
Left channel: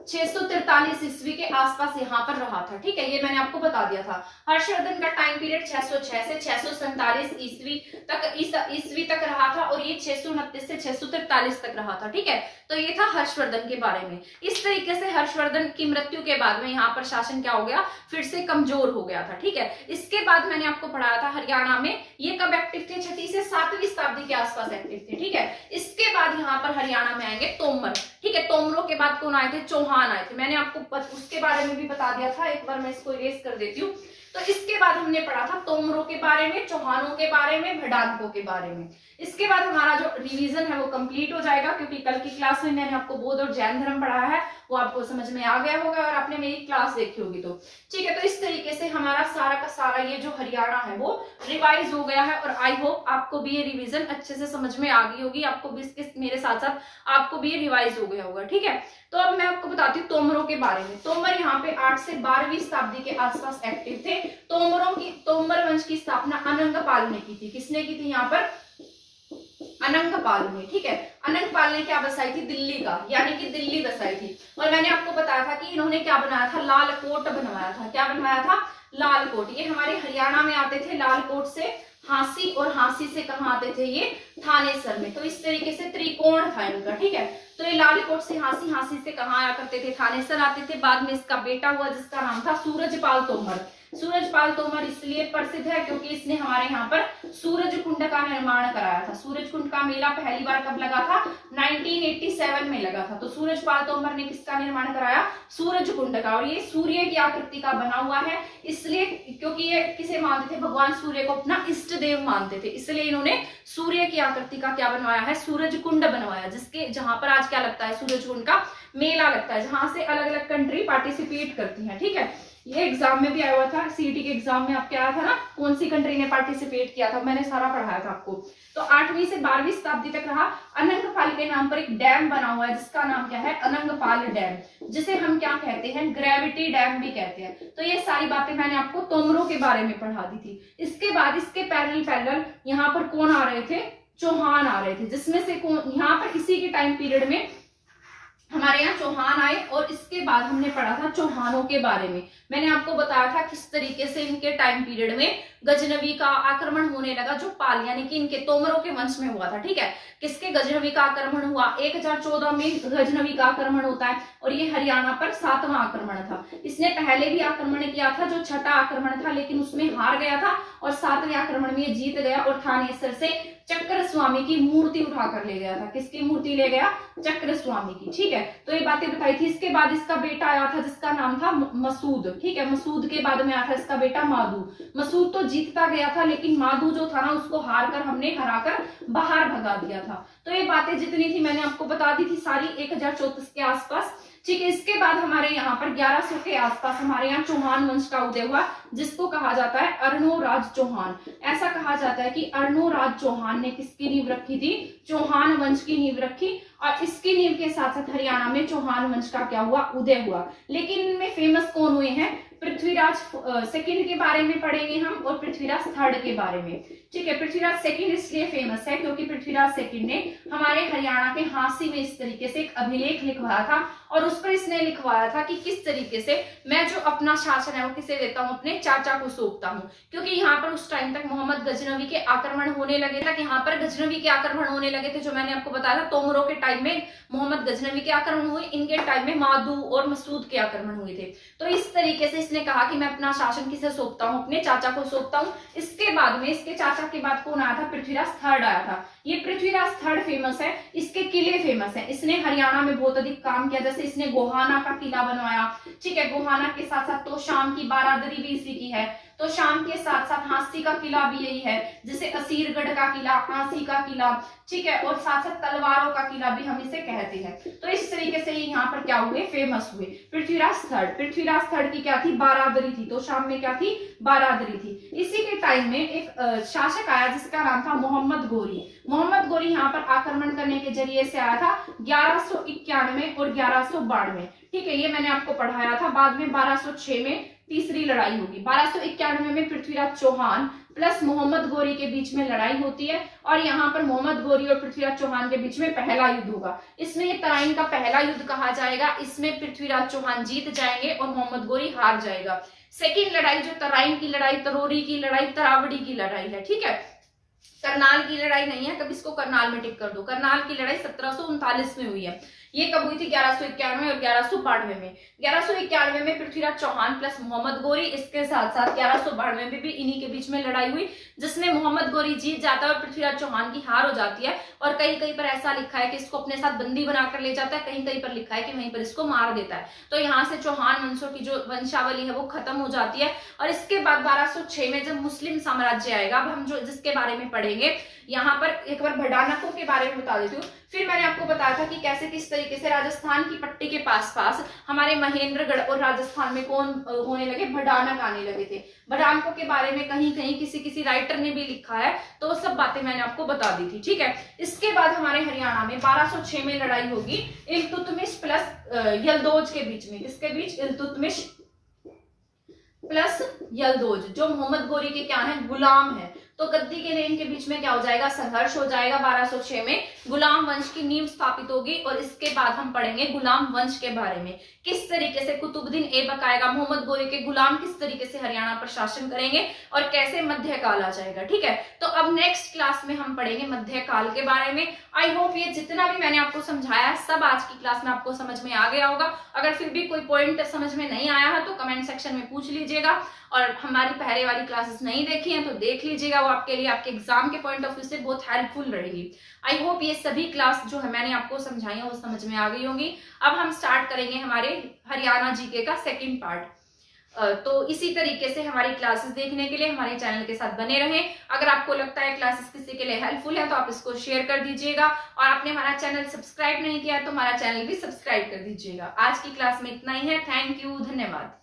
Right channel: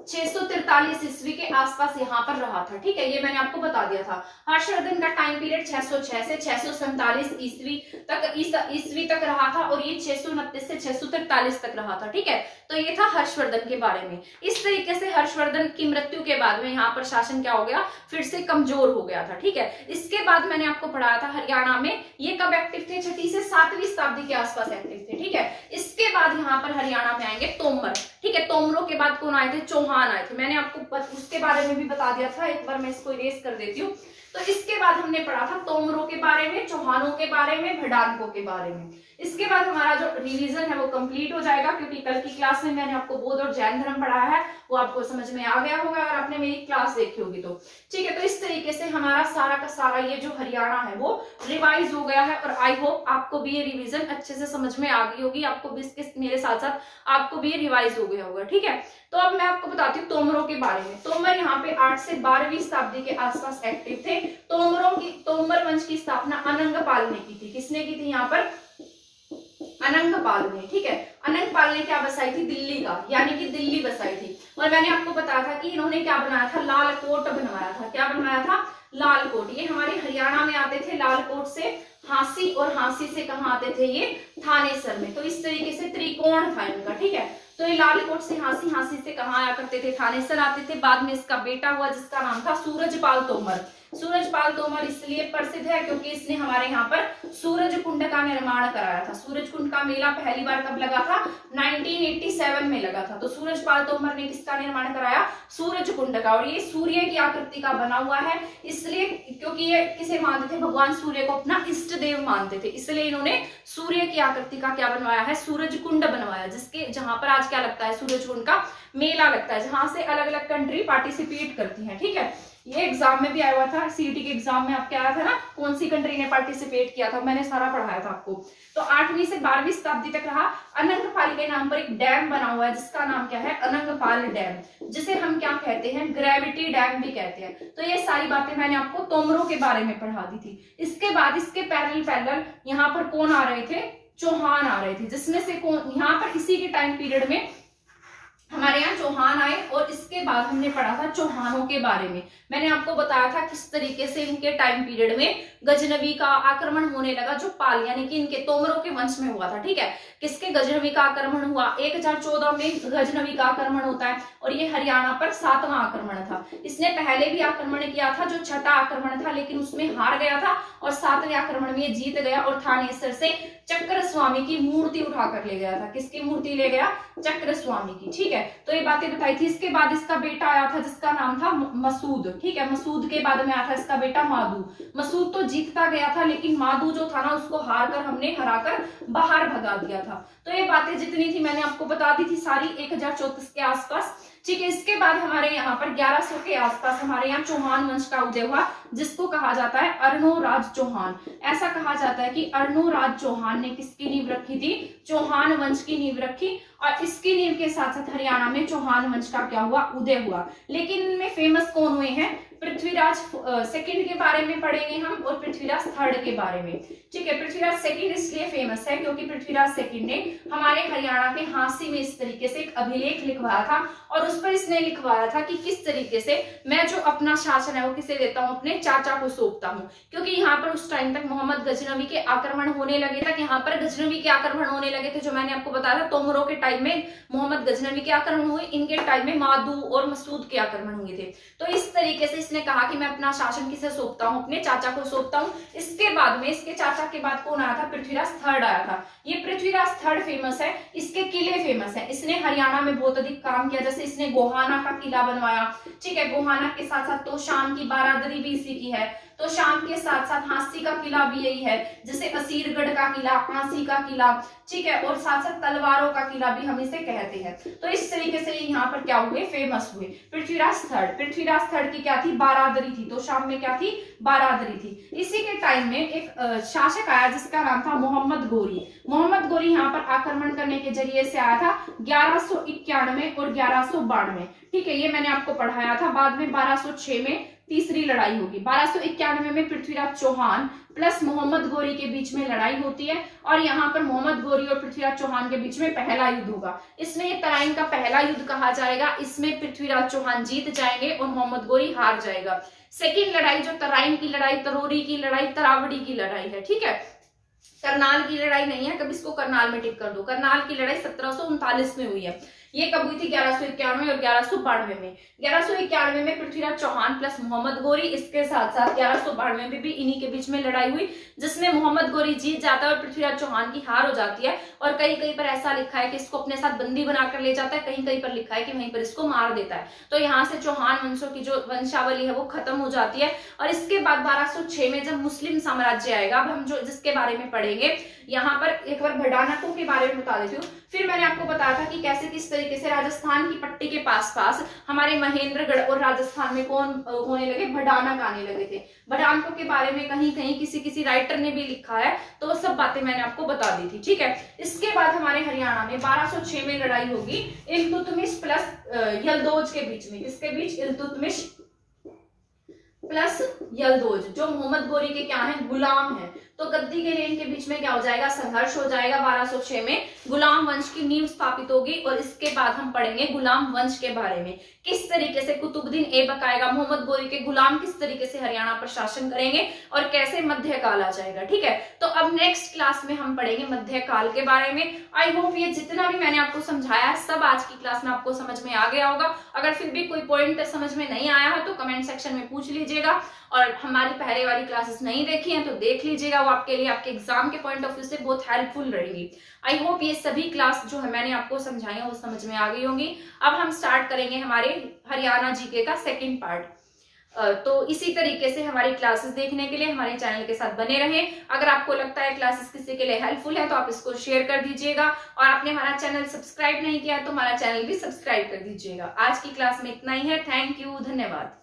643 ईस्वी के आसपास यहाँ पर रहा था, ठीक है। ये मैंने आपको बता दिया था। हर्षवर्धन का टाइम पीरियड 606 से 647 ईस्वी तक रहा था और ये 629 से 643 तक रहा था, ठीक है। तो ये था हर्षवर्धन के बारे में। इस तरीके से हर्षवर्धन की मृत्यु के बाद में यहाँ पर शासन क्या हो गया, फिर से कमजोर हो गया था, ठीक है। इसके बाद मैंने आपको पढ़ाया था हरियाणा में ये कब एक्टिव थे, 6वीं से 7वीं शताब्दी के आसपास एक्टिव थे, ठीक है। इसके बाद यहाँ पर हरियाणा में आएंगे तोमर, ठीक है। तोमरों के बाद कौन आए थे, चौहान आए थे। मैंने आपको उसके बारे में भी बता दिया था, एक बार मैं इसको इरेज कर देती हूँ। तो इसके बाद हमने पढ़ा था तोमरों के बारे में, चौहानों के बारे में, भड़ानकों के बारे में। इसके बाद हमारा जो रिवीजन है वो कंप्लीट हो जाएगा, क्योंकि कल की क्लास में मैंने आपको बौद्ध और जैन धर्म पढ़ाया है, वो आपको समझ में आ गया होगा और आपने मेरी क्लास देखी होगी। तो ठीक है, तो इस तरीके से हमारा सारा का सारा ये जो हरियाणा है वो रिवाइज हो गया है और आई होप आपको भी ये रिवीजन अच्छे से समझ में आ गई होगी, आपको भी इसके मेरे साथ साथ आपको भी ये रिवाइज हो गया होगा, ठीक है। तो अब मैं आपको बताती हूँ तोमरों के बारे में। तोमर यहाँ पे 8 से 12वीं शताब्दी के आसपास एक्टिव थे। तोमर वंश की स्थापना अनंगपाल ने की थी। किसने की थी यहाँ पर, अनंगपाल ने, ठीक है। अनंगपाल ने क्या बसाई थी, दिल्ली का, यानी कि दिल्ली बसाई थी। और मैंने आपको बताया था कि इन्होंने क्या बनाया था, लाल कोट बनवाया था। क्या बनवाया था, लाल कोट। ये हमारे हरियाणा में आते थे लाल कोट से हांसी, और हांसी से कहाँ आते थे ये, थानेसर में। तो इस तरीके से त्रिकोण था इनका, ठीक है। तो ये लाल कोट से हांसी, हांसी से कहाँ आया करते थे, थानेसर आते थे। बाद में इसका बेटा हुआ जिसका नाम था सूरजपाल तोमर। सूरजपाल तोमर इसलिए प्रसिद्ध है क्योंकि इसने हमारे यहाँ पर सूरज कुंड का निर्माण कराया था। सूरज कुंड का मेला पहली बार कब लगा था, 1987 में लगा था। तो सूरजपाल तोमर ने किसका निर्माण कराया, सूरज कुंड का। और ये सूर्य की आकृति का बना हुआ है, इसलिए क्योंकि ये किसे मानते थे, भगवान सूर्य को अपना इष्ट देव मानते थे, इसलिए इन्होंने सूर्य की आकृति का क्या बनवाया है, सूरज कुंड बनवाया, जिसके जहां पर आज क्या लगता है, सूरज कुंड का मेला लगता है, जहां से अलग अलग कंट्री पार्टिसिपेट करती है, ठीक है। ये एग्जाम में भी आया हुआ था, सीईटी के एग्जाम में आपके आया था ना, कौन सी कंट्री ने पार्टिसिपेट किया था, मैंने सारा पढ़ाया था आपको। तो 8वीं से 12वीं शताब्दी तक रहा। अनंगपाल के नाम पर एक डैम बना हुआ है जिसका नाम क्या है, अनंगपाल डैम, जिसे हम क्या कहते हैं, ग्रेविटी डैम भी कहते हैं। तो ये सारी बातें मैंने आपको तोमरों के बारे में पढ़ा दी थी। इसके बाद इसके पैरेलल यहाँ पर कौन आ रहे थे, चौहान आ रहे थे, जिसमें से कौन यहाँ पर इसी के टाइम पीरियड में हमारे यहाँ चौहान आए। और इसके बाद हमने पढ़ा था चौहानों के बारे में। मैंने आपको बताया था किस तरीके से इनके टाइम पीरियड में गजनवी का आक्रमण होने लगा, जो पाल यानी कि इनके तोमरों के वंश में हुआ था। ठीक है, किसके गजनवी का आक्रमण हुआ, 1014 में गजनवी का आक्रमण होता है और ये हरियाणा पर 7वां आक्रमण था। इसने पहले भी आक्रमण किया था जो 6ठा आक्रमण था, लेकिन उसमें हार गया था और 7वें आक्रमण में जीत गया और थानेसर से चक्र स्वामी की मूर्ति उठाकर ले गया था। किसकी मूर्ति ले गया, चक्र स्वामी की। ठीक है, तो ये बातें बताई थी। इसके बाद इसका बेटा आया था जिसका नाम था मसूद। ठीक है, मसूद के बाद में आया था इसका बेटा मादू। मसूद तो जीतता गया था, लेकिन मादू जो था ना उसको हमने हराकर बाहर भगा दिया था। तो ये बातें जितनी थी मैंने आपको बता दी थी सारी 1034 के आसपास। ठीक है, इसके बाद हमारे यहाँ पर 1100 के आसपास हमारे यहाँ चौहान वंश का उदय हुआ, जिसको कहा जाता है अर्णोराज चौहान। ऐसा कहा जाता है कि अर्णोराज चौहान ने किसकी नींव रखी थी, चौहान वंश की नींव रखी। और इसकी नींव के साथ साथ हरियाणा में चौहान वंश का क्या हुआ, उदय हुआ। लेकिन इनमें फेमस कौन हुए हैं, पृथ्वीराज सेकंड के बारे में पढ़ेंगे हम और पृथ्वीराज थर्ड के बारे में। ठीक है, पृथ्वीराज सेकंड इसलिए फेमस है क्योंकि पृथ्वीराज सेकंड ने हमारे हरियाणा के हांसी में इस तरीके से एक अभिलेख लिखवाया था और उस पर इसने लिखवाया था कि किस तरीके से मैं जो अपना शासन है वो किसे देता हूँ, अपने चाचा को सौंपता हूँ। क्योंकि यहाँ पर उस टाइम तक मोहम्मद गजनवी के आक्रमण होने लगे थे, यहाँ पर गजनवी के आक्रमण होने लगे थे, जो मैंने आपको बताया था। तोमरों के टाइम में मोहम्मद गजनवी के आक्रमण हुए, इनके टाइम में मादू और मसूद के आक्रमण हुए थे। तो इस तरीके से इसने कहा कि मैं अपना शासन किसे सौंपता हूँ, अपने चाचा को सौंपता हूँ। इसके बाद में इसके चाचा के बाद कौन आया था, पृथ्वीराज थर्ड आया था। ये पृथ्वीराज थर्ड फेमस है, इसके किले फेमस है। इसने हरियाणा में बहुत अधिक काम किया, जैसे इसने गोहाना का किला बनवाया। ठीक है, गोहाना के साथ साथ तोशाम की बारादरी भी इसी की है। तो शाम के साथ साथ हांसी का किला भी यही है, जैसे असीरगढ़ का किला, हांसी का किला। ठीक है, और साथ साथ तलवारों का किला भी हम इसे कहते हैं। तो इस तरीके से यहाँ पर क्या हुए, फेमस हुए। पृथ्वीराज थर्ड की क्या थी, बारादरी थी। तो शाम में क्या थी, बारादरी थी। इसी के टाइम में एक शासक आया जिसका नाम था मोहम्मद गोरी। मोहम्मद गोरी यहाँ पर आक्रमण करने के जरिए से आया था 1191 और 1192। ठीक है, ये मैंने आपको पढ़ाया था। बाद में 1206 में तीसरी लड़ाई होगी। 1291 में पृथ्वीराज चौहान प्लस मोहम्मद गोरी के बीच में लड़ाई होती है और यहाँ पर मोहम्मद गोरी और पृथ्वीराज चौहान के बीच में पहला युद्ध होगा। इसमें ये तराइन का पहला युद्ध कहा जाएगा। इसमें पृथ्वीराज चौहान जीत जाएंगे और मोहम्मद गोरी हार जाएगा। सेकेंड लड़ाई जो तराइन की लड़ाई, तरोरी की लड़ाई, तरावड़ी की लड़ाई है। ठीक है, करनाल की लड़ाई नहीं है, कभी इसको करनाल में टिक कर दो। करनाल की लड़ाई 1739 में हुई है। ये कब हुई थी, 1191 और 1192 में। 1191 में पृथ्वीराज चौहान प्लस मोहम्मद गोरी, इसके साथ साथ 1192 में भी इन्हीं के बीच में लड़ाई हुई, जिसमें मोहम्मद गोरी जीत जाता है और पृथ्वीराज चौहान की हार हो जाती है। और कहीं कहीं पर ऐसा लिखा है कि इसको अपने साथ बंदी बनाकर ले जाता है, कहीं कहीं पर लिखा है कि वहीं पर इसको मार देता है। तो यहाँ से चौहान वंशों की जो वंशावली है वो खत्म हो जाती है। और इसके बाद 1206 में जब मुस्लिम साम्राज्य आएगा, अब हम जो जिसके बारे में पढ़ेंगे, यहाँ पर एक बार भडानकों के बारे में बता देती हूँ। फिर मैंने आपको बताया था कि कैसे किस तरीके से राजस्थान की पट्टी के पास हमारे महेंद्रगढ़ और राजस्थान में कौन होने लगे, भडानक आने लगे थे। भडानकों के बारे में कहीं कहीं किसी राइटर ने भी लिखा है, तो वो सब बातें मैंने आपको बता दी थी। ठीक है, इसके बाद हमारे हरियाणा में 1206 में लड़ाई होगी इल्तुतमिश प्लस यल्दौज के बीच में। किसके बीच, इल्तुतमिश प्लस यल्दौज, जो मोहम्मद गोरी के क्या है, गुलाम है। तो गद्दी के लिए इनके बीच में क्या हो जाएगा, संघर्ष हो जाएगा। 1206 में गुलाम वंश की नींव स्थापित होगी। और इसके बाद हम पढ़ेंगे गुलाम वंश के बारे में, किस तरीके से कुतुबुद्दीन ऐबक आएगा, मोहम्मद गोरी के गुलाम किस तरीके से हरियाणा पर शासन करेंगे और कैसे मध्यकाल आ जाएगा। ठीक है, तो अब नेक्स्ट क्लास में हम पढ़ेंगे मध्यकाल के बारे में। आई होप ये जितना भी मैंने आपको समझाया है सब आज की क्लास में आपको समझ में आ गया होगा। अगर फिर भी कोई पॉइंट समझ में नहीं आया है तो कमेंट सेक्शन में पूछ लीजिएगा। और हमारी पहले वाली क्लासेस नहीं देखी हैं तो देख लीजिएगा, वो आपके लिए आपके एग्जाम के पॉइंट ऑफ व्यू से बहुत हेल्पफुल रहेगी। आई होप ये सभी क्लास जो है मैंने आपको समझाई है वो समझ में आ गई होंगी। अब हम स्टार्ट करेंगे हमारे हरियाणा जीके का सेकंड पार्ट। तो इसी तरीके से हमारी क्लासेस देखने के लिए हमारे चैनल के साथ बने रहें। अगर आपको लगता है क्लासेस किसी के लिए हेल्पफुल है तो आप इसको शेयर कर दीजिएगा। और आपने हमारा चैनल सब्सक्राइब नहीं किया तो हमारा चैनल भी सब्सक्राइब कर दीजिएगा। आज की क्लास में इतना ही है। थैंक यू, धन्यवाद।